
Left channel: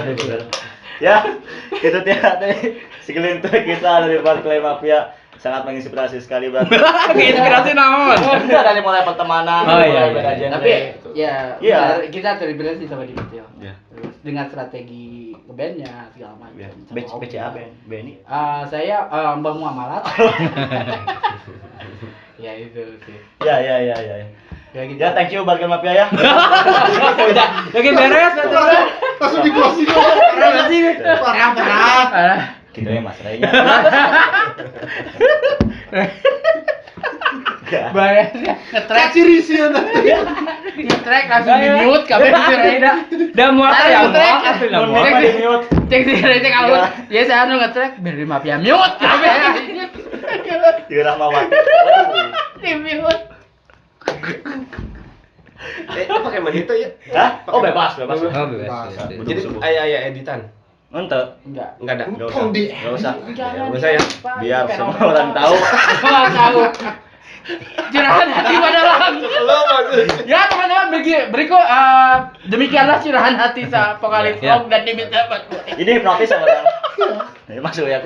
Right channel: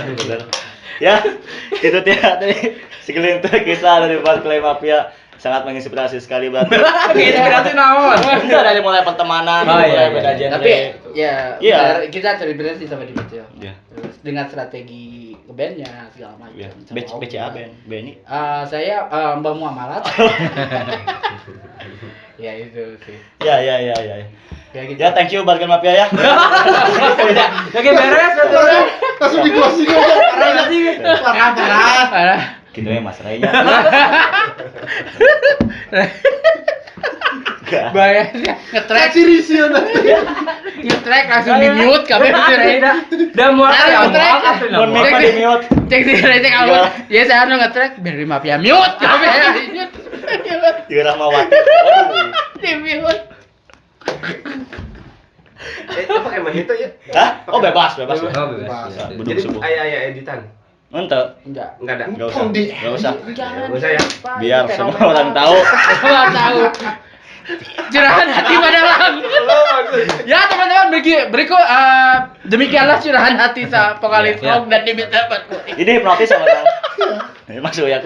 Ya, itu dia tadi segelintir kisah dari Bar Clay Mafia. Sangat menginspirasi sekali berarti. inspirasi naon? Enggak, dari mulai pertemanan, beda genre. Tapi ya Iya. kita terinspirasi sama di Metal. Iya. Terus dengan strategi bandnya segala macam. Iya. BCA band, Benny. Saya Mbak Muamalat. Ya itu sih. Ya. Ya gitu. Ya, thank you Bar Clay Mafia ya. Oke, beres Langsung di closing aja. Parah. Gitu ya Mas Raynya. Bayarnya nge-track nge-track langsung di mute kabeh dan muat ya asli Mun mic di mute. cek di rating alun ya saya anu nge-track beri mafia mute Juga Rahmawati. di mute Pakai menit ya? Hah? Oh, bebas. Jadi aya editan. Enggak. enggak Enggak ada. Untung di. Enggak usah. Enggak usah ya. Biar semua orang tahu. curahan hati padahal ya teman-teman berikut demikianlah curahan hati sa vokalis rock dan diminta Ini hipnotis sama tahu. Ini masuk ya.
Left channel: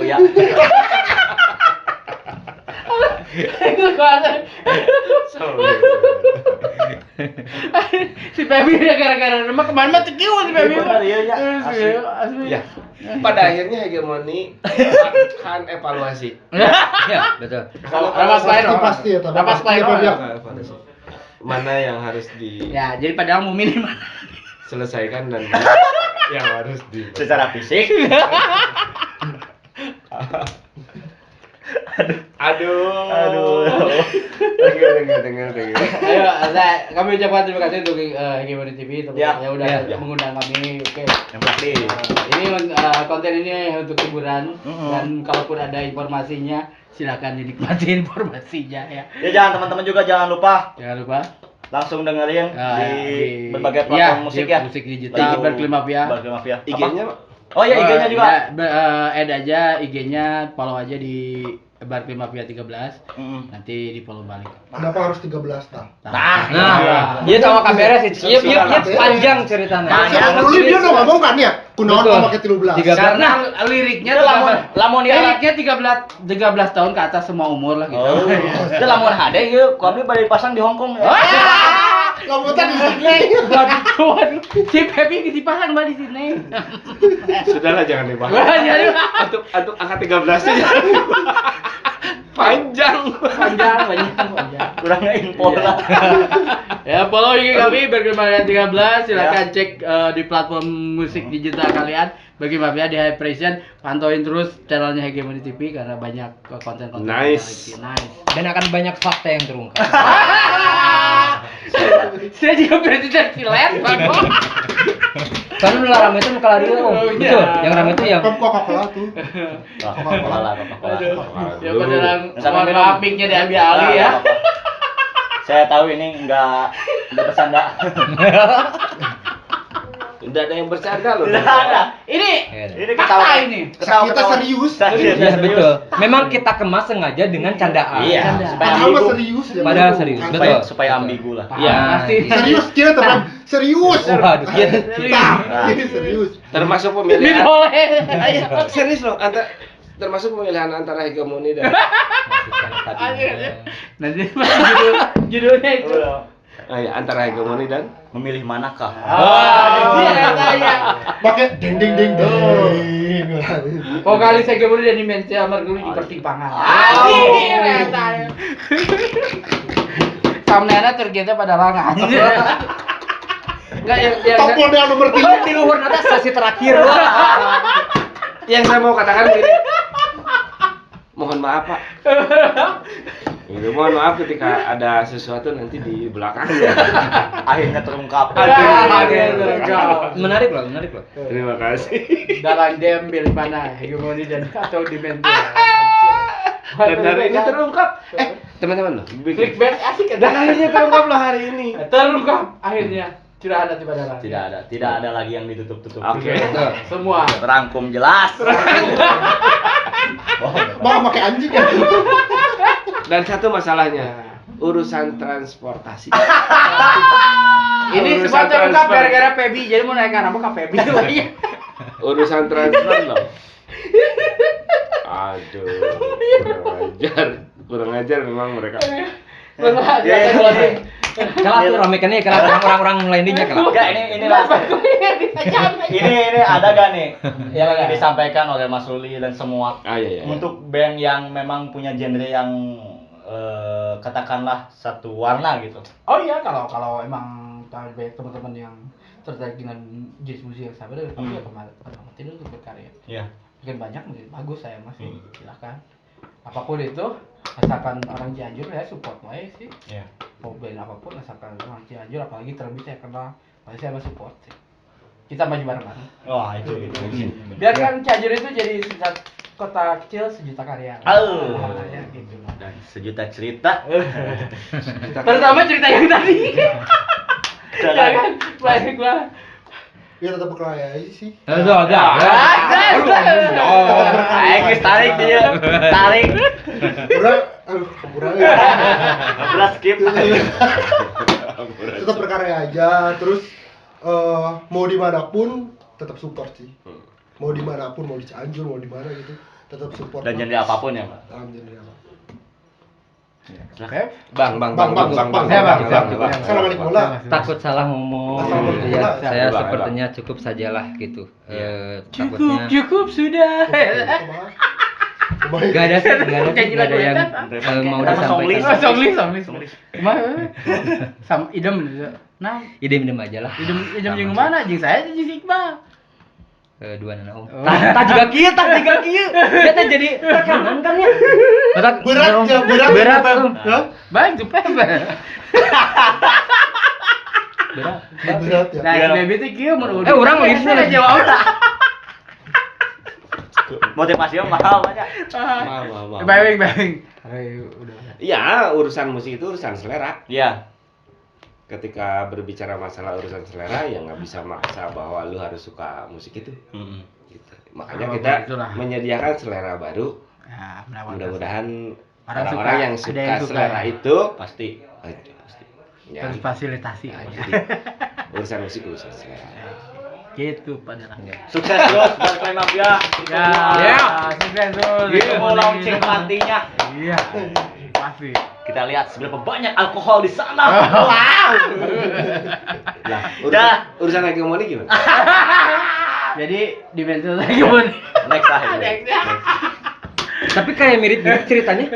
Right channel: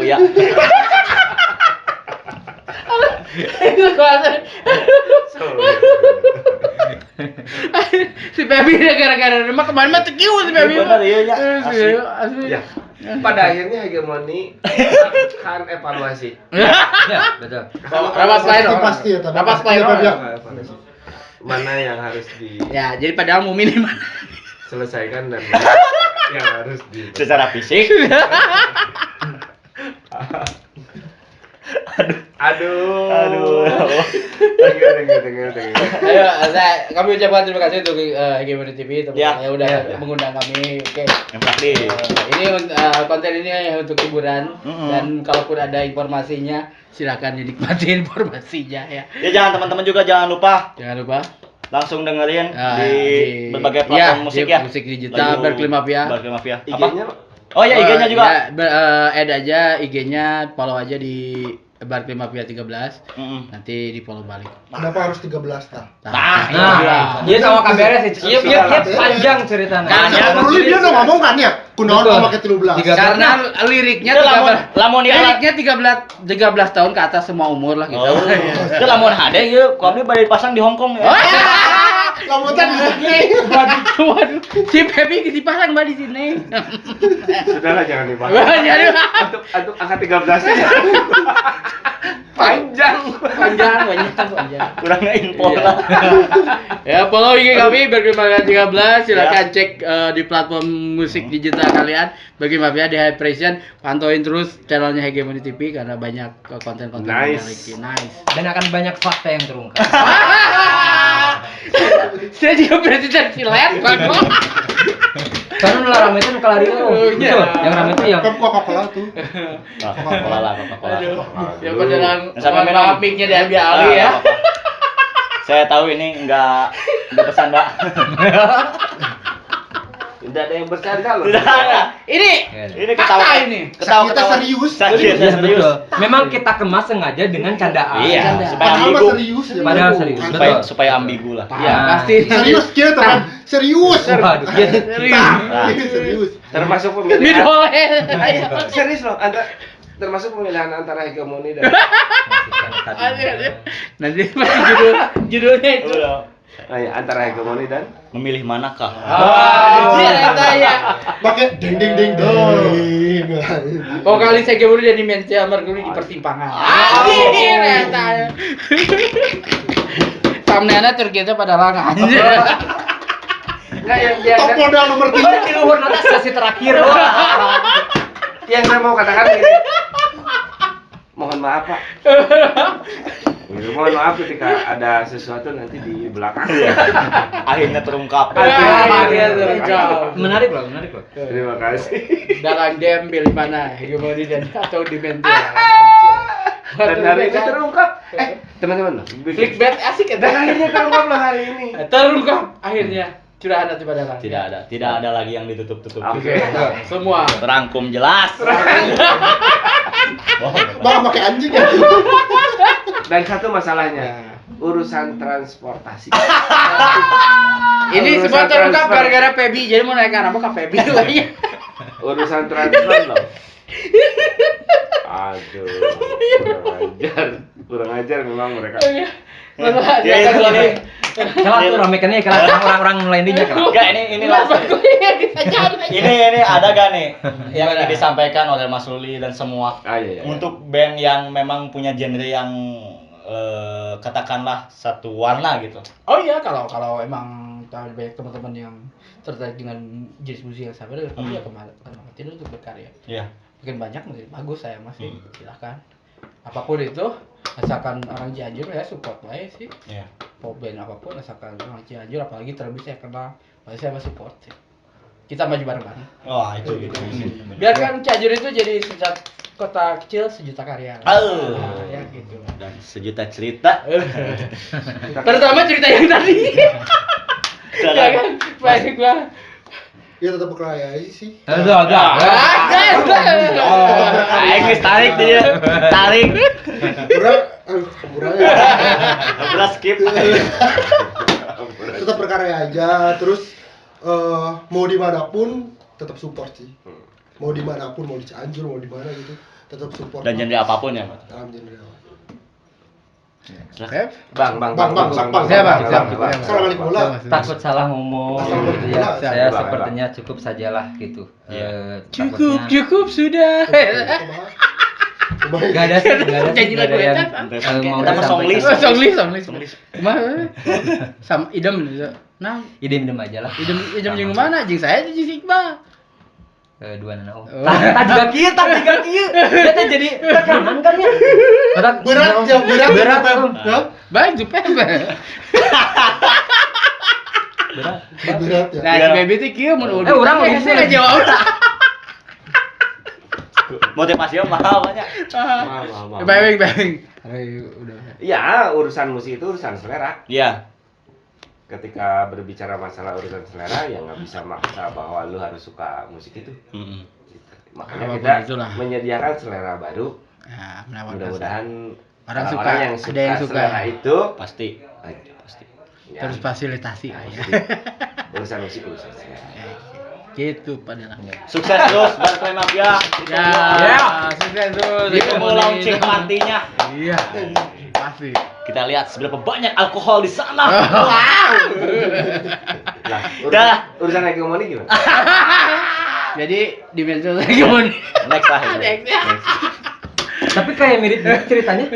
Si Pebi gara-gara rumah kemarin mah tekiu si Pebi. Benar iya ya. Asli. Ya. Pada akhirnya hegemoni akan evaluasi. Ya, betul. Pasti ya, tapi Rapas pasti play. Mana yang harus Ya, jadi padahal Mumin di mana? diselesaikan dan yang harus di Secara fisik. Aduh. Dengar. Ayo, kami ucapkan terima kasih untuk Hegemoni TV Ya, yang udah ya. mengundang kami. Oke. Yang pasti. Ini konten ini untuk hiburan dan kalaupun ada informasinya silakan dinikmati informasinya ya. Ya jangan teman-teman juga jangan lupa Jangan lupa langsung dengerin di berbagai ya, platform musik ya. Musik digital Berkeley Mafia. Berkeley Mafia. IG-nya Oh ya IG-nya juga. Add aja IG-nya, follow aja di Berkeley Mafia 13. Nanti di follow balik. Kenapa harus 13 tak? Nah, dia sama kabarnya sih. Iya, panjang ceritanya. Dulu dia udah ngomong kan ya, kunaon Betul. mau pakai 13. Karena liriknya lamun dia liriknya 13 tahun ke atas semua umur lah gitu. Oh. Dia lamun hade ieu, ku abdi bade pasang di Hong Kong ya. Kamu kan Waduh, si Pepi dipasang di sini. sudahlah jangan dibahas. Jadi Untuk angka 13 nya panjang. panjang. Kurang info lah. Ya, follow IG kami Berkeley Mafia 13, silakan cek di platform musik digital kalian. Berkeley Mafia di High Pression, pantauin terus channelnya Hegemoni TV karena banyak konten-konten Nice. Nice. Dan akan banyak fakta yang terungkap. Saya juga presiden silet, Karena udah rame itu kalau itu betul. Yang rame itu yang Pep Coca-Cola tuh. Coca-Cola. Ya beneran, Sama mohon minum. maaf mic-nya diambil alih ya. Saya tahu ini enggak bercanda. Tidak ada yang bercanda loh. Tidak ada. Ini ketawa ini. Kita serius. Iya betul. Memang kita kemas sengaja dengan candaan. Iya, Canda. supaya Padahal mah ambigu. serius ya. Padahal Bro. serius, Santai. betul. Supaya ambigu lah. Iya, pasti. Serius kita teman. Serius. Waduh, dia Serius. Termasuk Ini pemilihan. boleh. Serius loh, termasuk pemilihan antara hegemoni dan Nanti judulnya itu. antara hegemoni dan Memilih manakah? Dia katanya. Pakai ding ding ding ding. Vokalis Hegemoni dan Dimensi Amarguli di pertimbangan. Katanya. Thumbnailnya terkita pada langan. enggak yang Top modal nomor 3. di luar nanti sesi terakhir loh. yang saya mau katakan begini. Mohon maaf Pak. Mohon maaf ketika ada sesuatu nanti di belakang. Akhirnya terungkap. Menarik Pak. Terima kasih. Dalam game pilih mana Hegemoni dan atau Dimensi. Dan hari ini terungkap. Teman-teman loh. Clickbait asik ya. Dan akhirnya terungkap loh hari ini. Terungkap akhirnya sudah ada pada langan. Tidak ada lagi yang ditutup-tutup. Oke. Semua. Terangkum jelas. Bang pakai anjing ya. Dan satu masalahnya, urusan transportasi. Ini Urusan semua terungkap transfer. gara-gara Pebi. Jadi mau naikkan apa ke Pebi lagi. Urusan transfer loh. Aduh, kurang ajar memang mereka. Salah tuh ramekannya kalau orang-orang lain dia kalau. Enggak, ini ada gak nih yang ingin disampaikan oleh Mas Ruli dan semua Iya. untuk band yang memang punya genre yang katakanlah satu warna gitu. Oh iya, kalau emang banyak teman-teman yang tertarik dengan jenis musik yang sama, ya kemarin untuk berkarya. Iya. Mungkin banyak, mungkin bagus saya masih silakan. Apapun itu, asalkan orang Cianjur ya support aja sih. Iya. Mau band apapun asalkan orang Cianjur, apalagi terlebih saya kenal, pasti saya masih support sih. Kita maju bareng-bareng. Wah, itu gitu. Biarkan Cianjur itu jadi kota kecil sejuta karya. Ya gitu. Dan sejuta cerita. Terutama cerita yang tadi. Ya kan? Baik gua. Ya tetap berkarya aja sih. Udah. Ayo tarik dia. Tarik. Kurang. Jelas skip. Tetap berkarya aja. Terus mau dimanapun tetap support sih. Mau dimanapun, mau di Cianjur, mau di mana gitu, tetap support. Dan genre apapun ya, Pak. Dalam genre apa. Bang. Salah balik bola. Takut salah ngomong. Assalamualaikum. Ya, saya Bang. sepertinya cukup sajalah gitu. Takutnya Cukup sudah. Gak ada yang mau disampaikan. Songlis. Sam idem nah, Idem aja lah. idem jeung mana jeung saya jeung Iqbal. Dua nana om. Tak juga kieu. Kita jadi tekanan kan ya. Berat om. Bang jepet. Berat ya. Nah, baby teh kieu mun urang lagi saya jawab. Motivasinya mahal banyak. Baik. Udah. Iya, urusan musik itu urusan selera. Iya. Ketika berbicara masalah urusan selera, ya nggak bisa maksa bahwa lu harus suka musik itu. Gitu. Makanya kita menyediakan selera baru. Ya, mudah-mudahan orang orang yang suka suka. selera itu Pasti. ya, Terus fasilitasi. urusan musik urusan selera. Gitu padahal. Sukses terus buat Play Mafia. Ya, sukses terus. Kita mau launching partinya. Iya. Pasti. Kita lihat seberapa banyak alkohol di sana. Wow. Nah, urusan hegemoni gimana? Jadi di mental hegemoni. Next lah. Tapi kayak mirip ceritanya.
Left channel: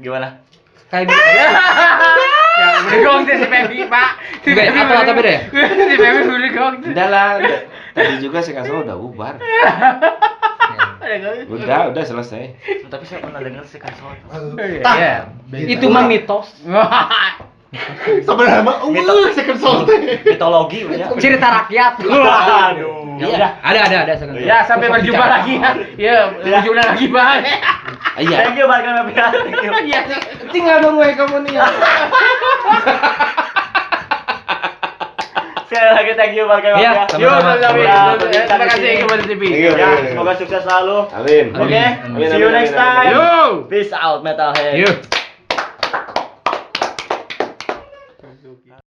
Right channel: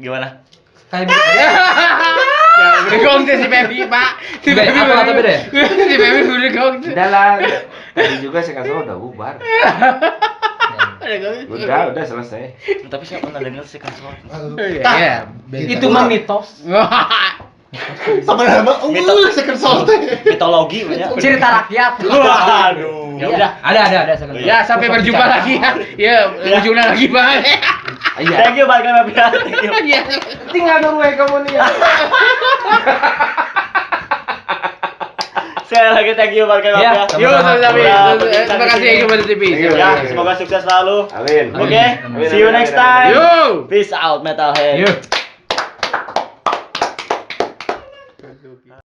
Gimana? Kayak mirip. Ya, udah gong si Pebi, Pak. Atau beda ya? Si Pebi udah gong. Udah lah. Tadi juga saya kasih udah bubar. Udah selesai. Tapi saya pernah dengar sih kasih. Iya. Itu mah mitos. Sebenarnya mah second soul teh. Mitologi banyak. Cerita rakyat. Waduh. Ya udah. Ada second. Ya, sampai berjumpa lagi ya. Ya, berjumpa lagi, Pak. Iya. Thank you Barga Mafia. Thank you. Iya. Tinggal nunggu hegemoni ya. Sekali lagi thank you Barga Ya, Mafia. Yuk, sama-sama. terima kasih ya kepada TV. Ya, semoga sukses selalu. Amin. Oke, Amin. see you next time. Yo. Peace out Metalhead. Yuk.